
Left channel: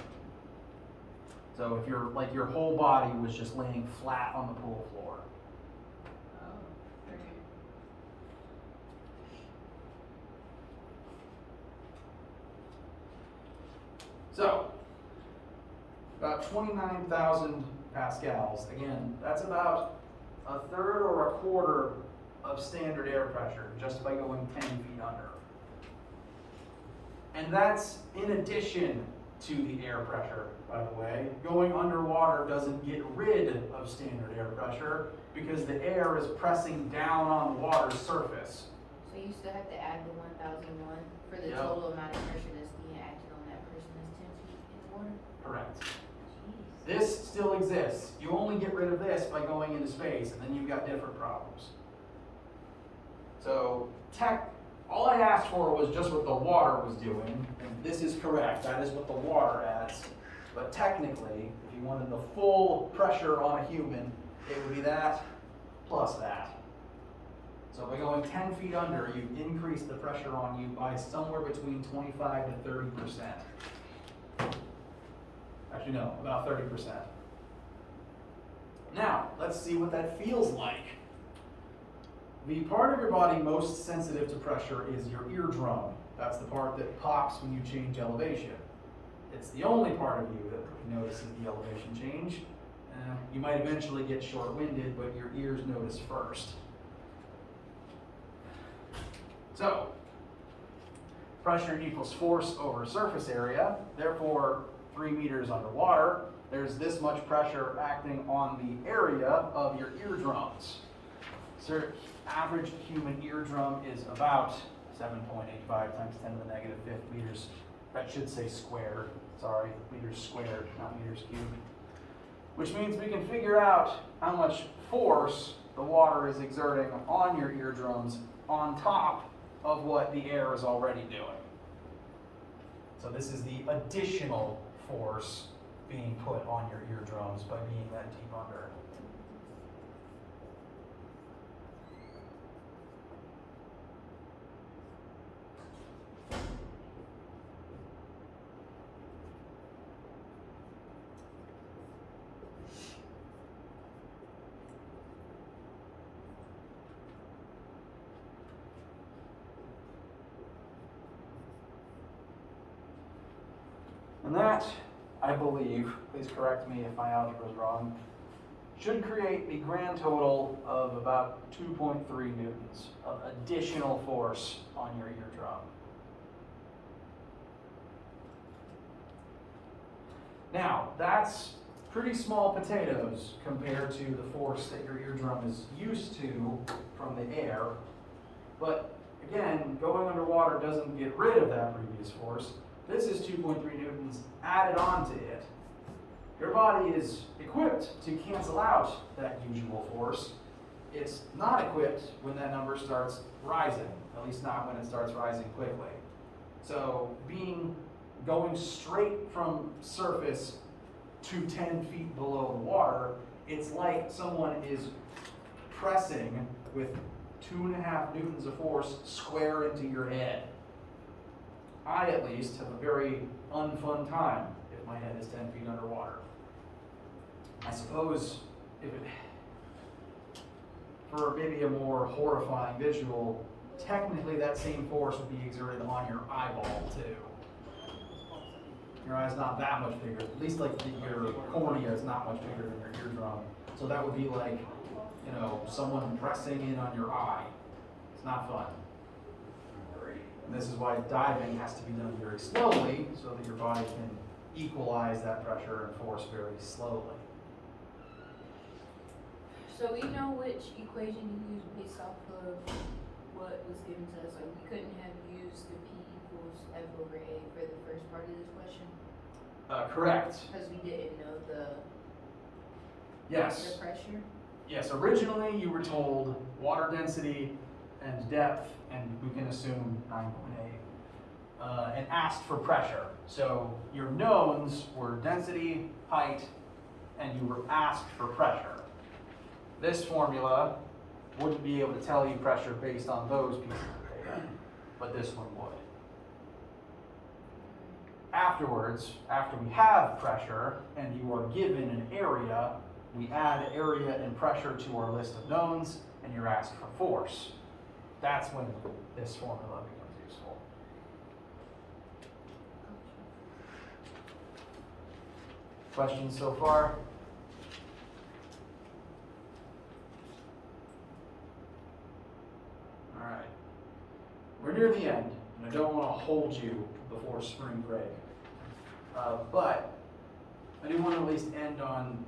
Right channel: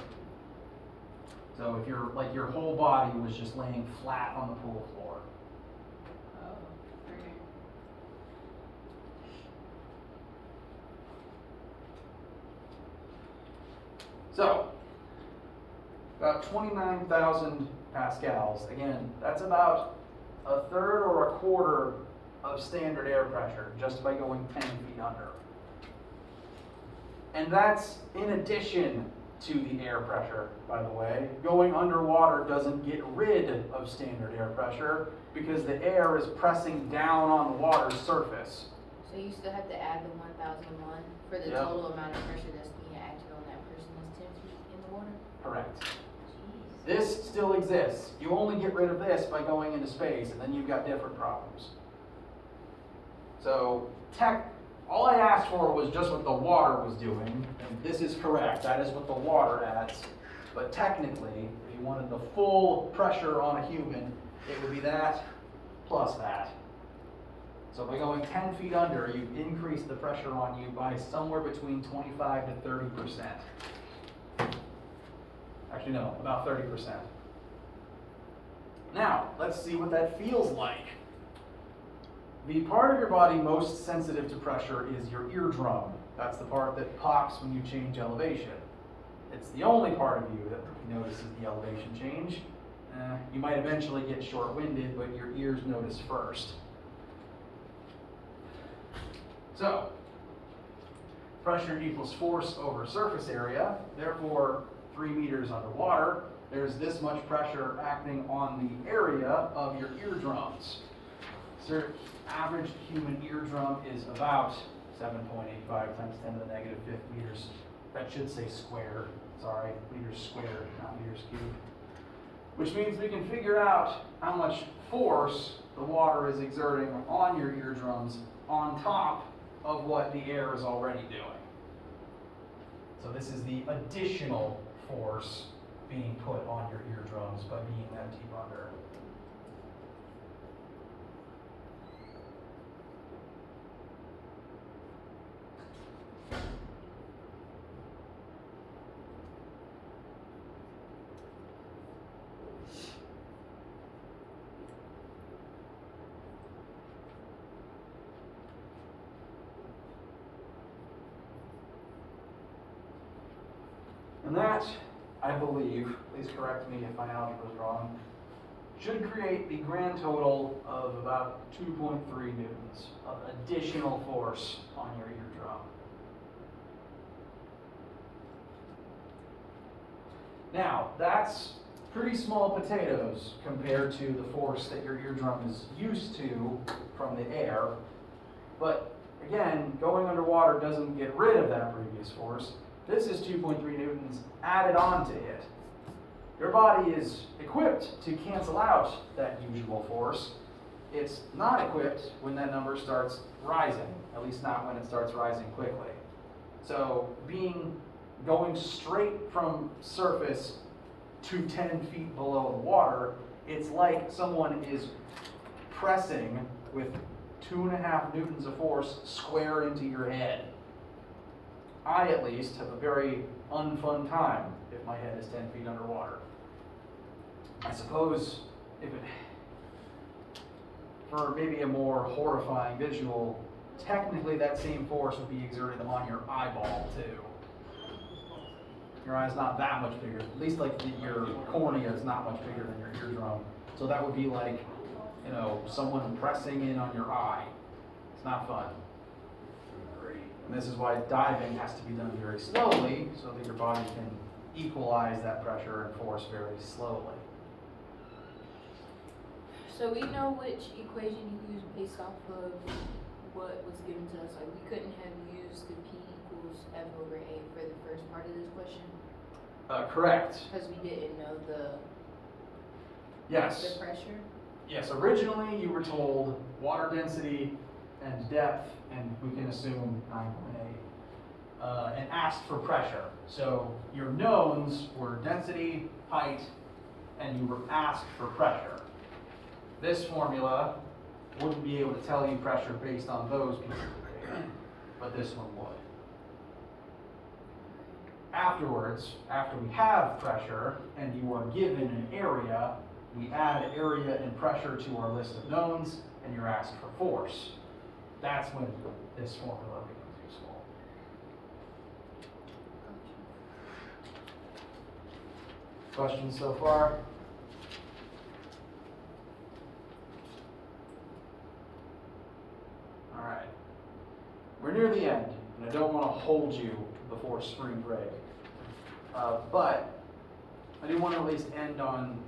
So if your whole body was just laying flat on the pool floor. Oh, okay. So, about 29,000 pascals. Again, that's about a third or a quarter of standard air pressure just by going 10 feet under. And that's in addition to the air pressure, by the way. Going underwater doesn't get rid of standard air pressure because the air is pressing down on the water's surface. So you still have to add the 1,001 for the Yep. total amount of pressure that's being acted on that person that's 10 feet in the water? Correct. Jeez. This still exists. You only get rid of this by going into space, and then you've got different problems. So, all I asked for was just what the water was doing, and this is correct. That is what the water adds. But technically, if you wanted the full pressure on a human, it would be that plus that. So by going 10 feet under, you increase the pressure on you by somewhere between 25 to 30%. Actually, no, about 30%. Now, let's see what that feels like. The part of your body most sensitive to pressure is your eardrum. That's the part that pops when you change elevation. It's the only part of you that notices the elevation change. You might eventually get short-winded, but your ears notice first. So, pressure equals force over surface area. Therefore, 3 meters underwater, there's this much pressure acting on the area of your eardrums. So, average human eardrum is about 7.85 times 10 to the negative fifth meters. That should say squared, sorry, meters squared, not meters cubed. Which means we can figure out how much force the water is exerting on your eardrums on top of what the air is already doing. So this is the additional force being put on your eardrums by being that deep under. And that, I believe, please correct me if my algebra is wrong, should create a grand total of about 2.3 newtons of additional force on your eardrum. Now, that's pretty small potatoes compared to the force that your eardrum is used to from the air. But again, going underwater doesn't get rid of that previous force. This is 2.3 newtons added on to it. Your body is equipped to cancel out that usual force. It's not equipped when that number starts rising, at least not when it starts rising quickly. So going straight from surface to 10 feet below the water, it's like someone is pressing with 2.5 newtons of force square into your head. I, at least, have a very unfun time if my head is 10 feet underwater. I suppose for maybe a more horrifying visual, technically that same force would be exerted on your eyeball too. Your eye's not that much bigger, at least like your cornea is not much bigger than your eardrum. So that would be like, someone pressing in on your eye. It's not fun. And this is why diving has to be done very slowly so that your body can equalize that pressure and force very slowly. So we know which equation you used based off of what was given to us, or we couldn't have used the P equals F over A for the first part of this question? Correct. Because we didn't know the Yes. pressure? Yes, originally you were told water density and depth, and we can assume 9.8, and asked for pressure. So your knowns were density, height, and you were asked for pressure. This formula wouldn't be able to tell you pressure based on those pieces of data, but this one would. Afterwards, after we have pressure and you are given an area, we add area and pressure to our list of knowns, and you're asked for force. That's when this formula becomes useful. Questions so far? All right. We're near the end, and I don't want to hold you before spring break. But I do want to at least end on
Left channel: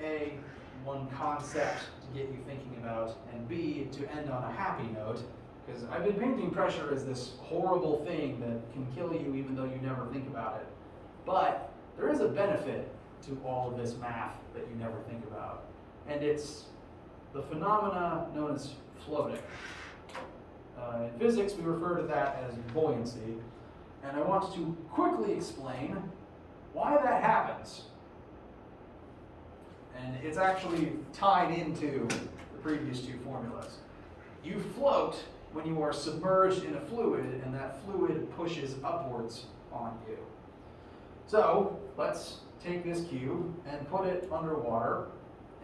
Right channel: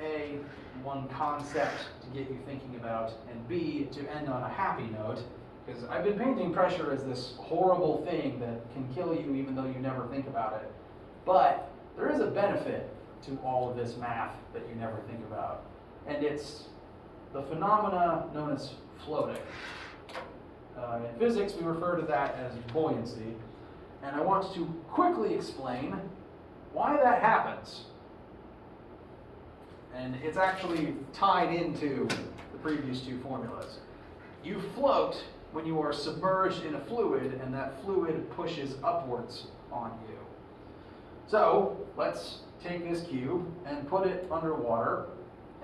A, one concept to get you thinking about, and B, to end on a happy note, because I've been painting pressure as this horrible thing that can kill you even though you never think about it. But there is a benefit to all of this math that you never think about, and it's the phenomena known as floating. In physics, we refer to that as buoyancy, and I want to quickly explain why that happens. And it's actually tied into the previous two formulas. You float when you are submerged in a fluid, and that fluid pushes upwards on you. So let's take this cube and put it underwater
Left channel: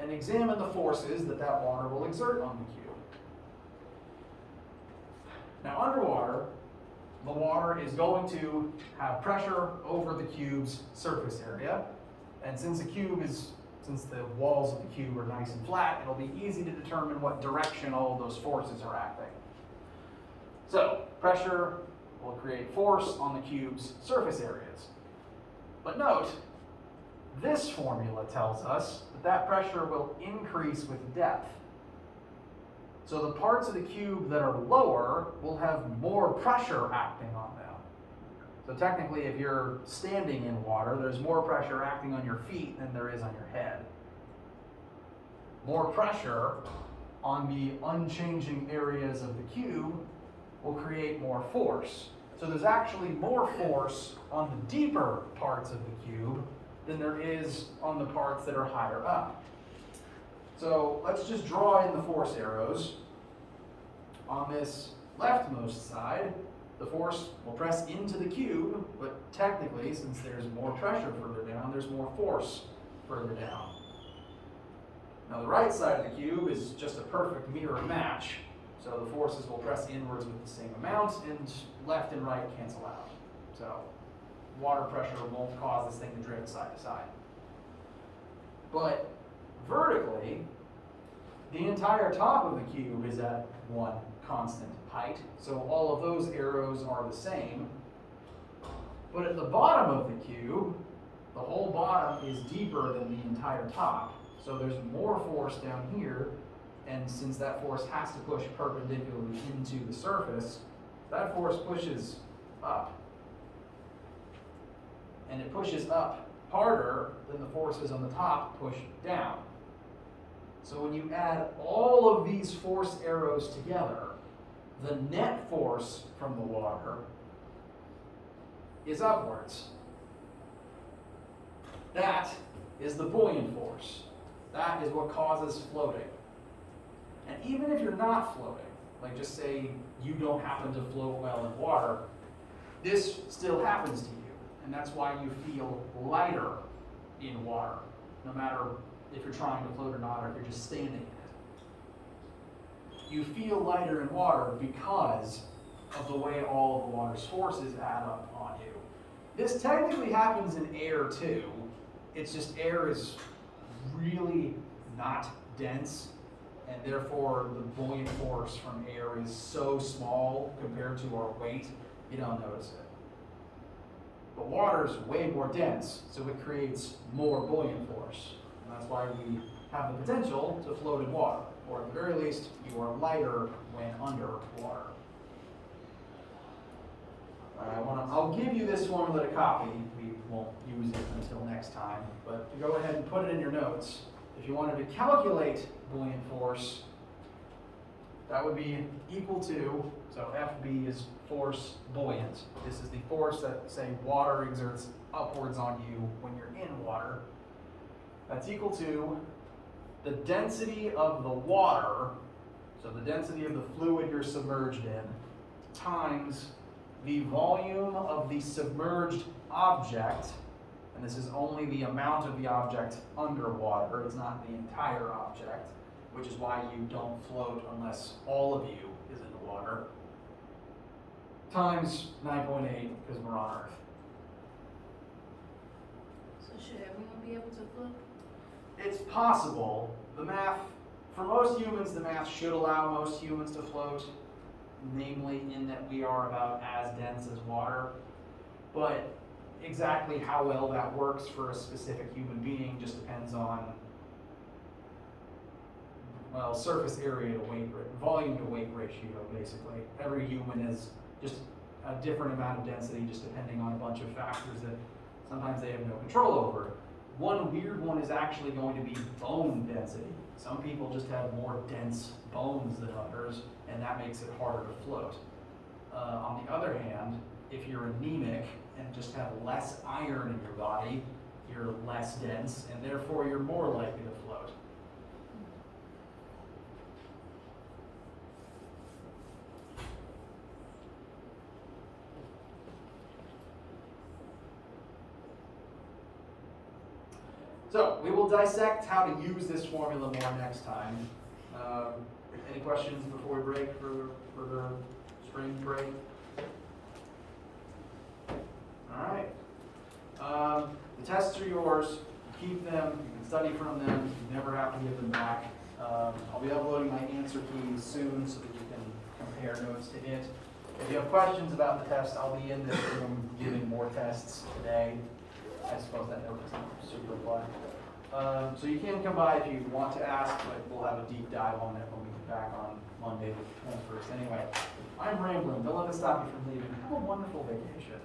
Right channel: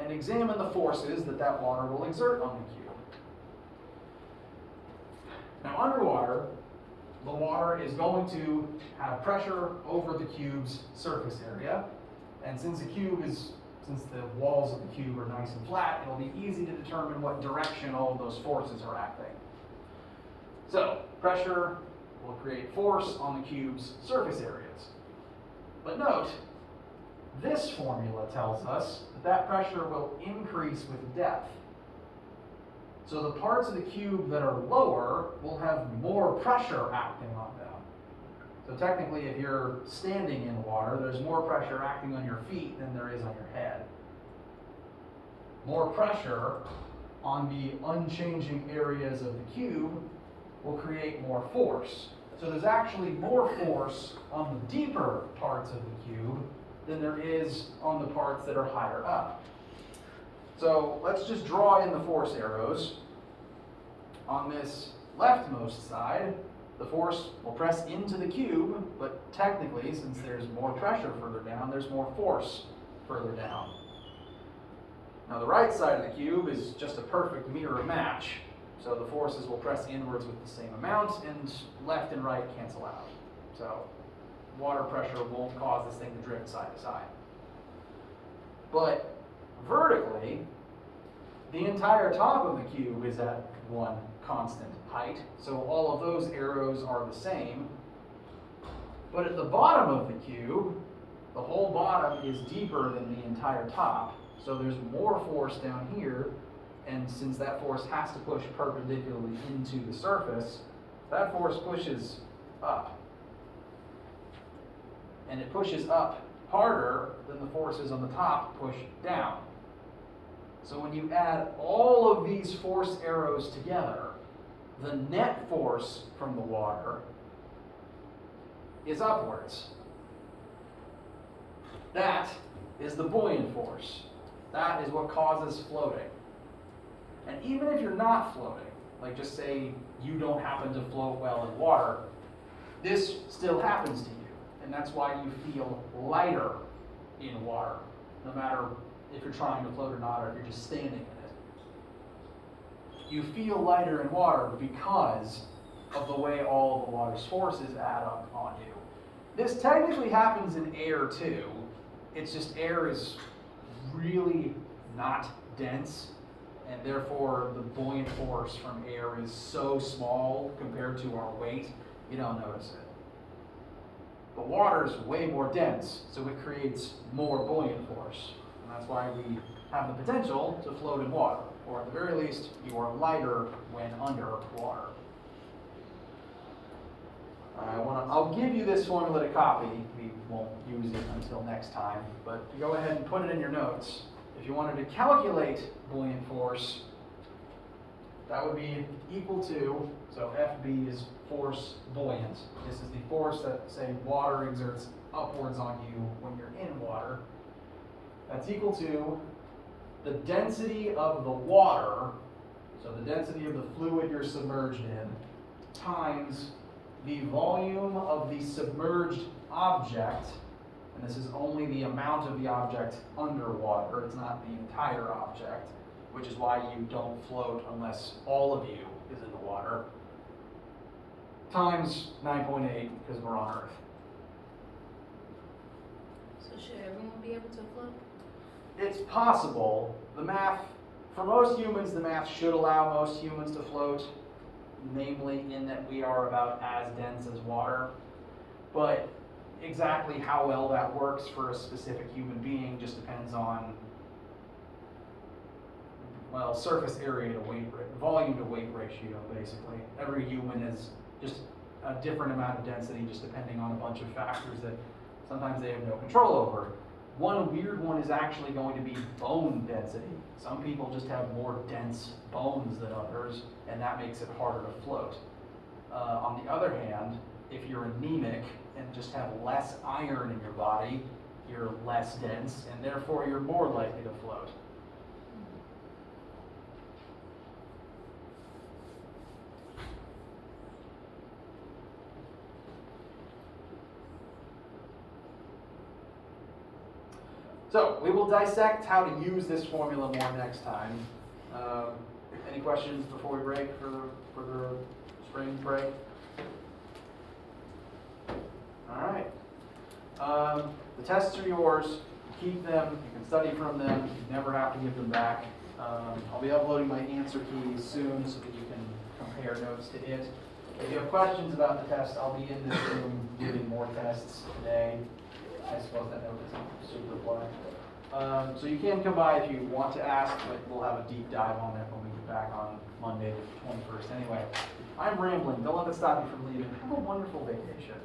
and examine the forces that water will exert on the cube. Now underwater, the water is going to have pressure over the cube's surface area, and since the walls of the cube are nice and flat, it'll be easy to determine what direction all of those forces are acting. So, pressure will create force on the cube's surface areas. But note, this formula tells us that pressure will increase with depth. So the parts of the cube that are lower will have more pressure acting on them. So technically, if you're standing in water, there's more pressure acting on your feet than there is on your head. More pressure on the unchanging areas of the cube will create more force. So there's actually more force on the deeper parts of the cube than there is on the parts that are higher up. So let's just draw in the force arrows. On this leftmost side, the force will press into the cube, but technically, since there's more pressure further down, there's more force further down. Now the right side of the cube is just a perfect mirror match. So the forces will press inwards with the same amount, and left and right cancel out. So water pressure won't cause this thing to drift side to side. But vertically, the entire top of the cube is at one constant height. So all of those arrows are the same. But at the bottom of the cube, the whole bottom is deeper than the entire top. So there's more force down here. And since that force has to push perpendicularly into the surface, that force pushes up. And it pushes up harder than the forces on the top push down. So when you add all of these force arrows together, the net force from the water is upwards. That is the buoyant force. That is what causes floating. And even if you're not floating, like just say you don't happen to float well in water, this still happens to you. And that's why you feel lighter in water, no matter if you're trying to float or not, or if you're just standing in it. You feel lighter in water because of the way all of the water's forces add up on you. This technically happens in air too. It's just air is really not dense, and therefore the buoyant force from air is so small compared to our weight, you don't notice it. But water is way more dense, so it creates more buoyant force. And that's why we have the potential to float in water, or at the very least, you are lighter when under water. I'll give you this formula to copy. We won't use it until next time, but you go ahead and put it in your notes. If you wanted to calculate buoyant force, that would be equal to, so FB is force buoyant. This is the force that, say, water exerts upwards on you when you're in water. That's equal to the density of the water, so the density of the fluid you're submerged in, times the volume of the submerged object, and this is only the amount of the object underwater, it's not the entire object, which is why you don't float unless all of you is in the water, times 9.8, because we're on Earth. So should everyone be able to float? It's possible. The math, for most humans, the math should allow most humans to float, namely in that we are about as dense as water. But exactly how well that works for a specific human being just depends on, well, surface area to weight, volume to weight ratio, basically. Every human is just a different amount of density just depending on a bunch of factors that sometimes they have no control over. One weird one is actually going to be bone density. Some people just have more dense bones than others, and that makes it harder to float. On the other hand, if you're anemic and just have less iron in your body, you're less dense, and therefore you're more likely to float. So we will dissect how to use this formula more next time. Any questions before we break for the spring break? All right. The tests are yours. Keep them. You can study from them. You never have to give them back. I'll be uploading my answer keys soon so that you can compare notes to it. If you have questions about the test, I'll be in this room giving more tests today. I suppose that note isn't super black. So you can come by if you want to ask, but we'll have a deep dive on it when we get back on Monday the 21st anyway. I'm rambling, don't let that stop you from leaving. Have a wonderful vacation.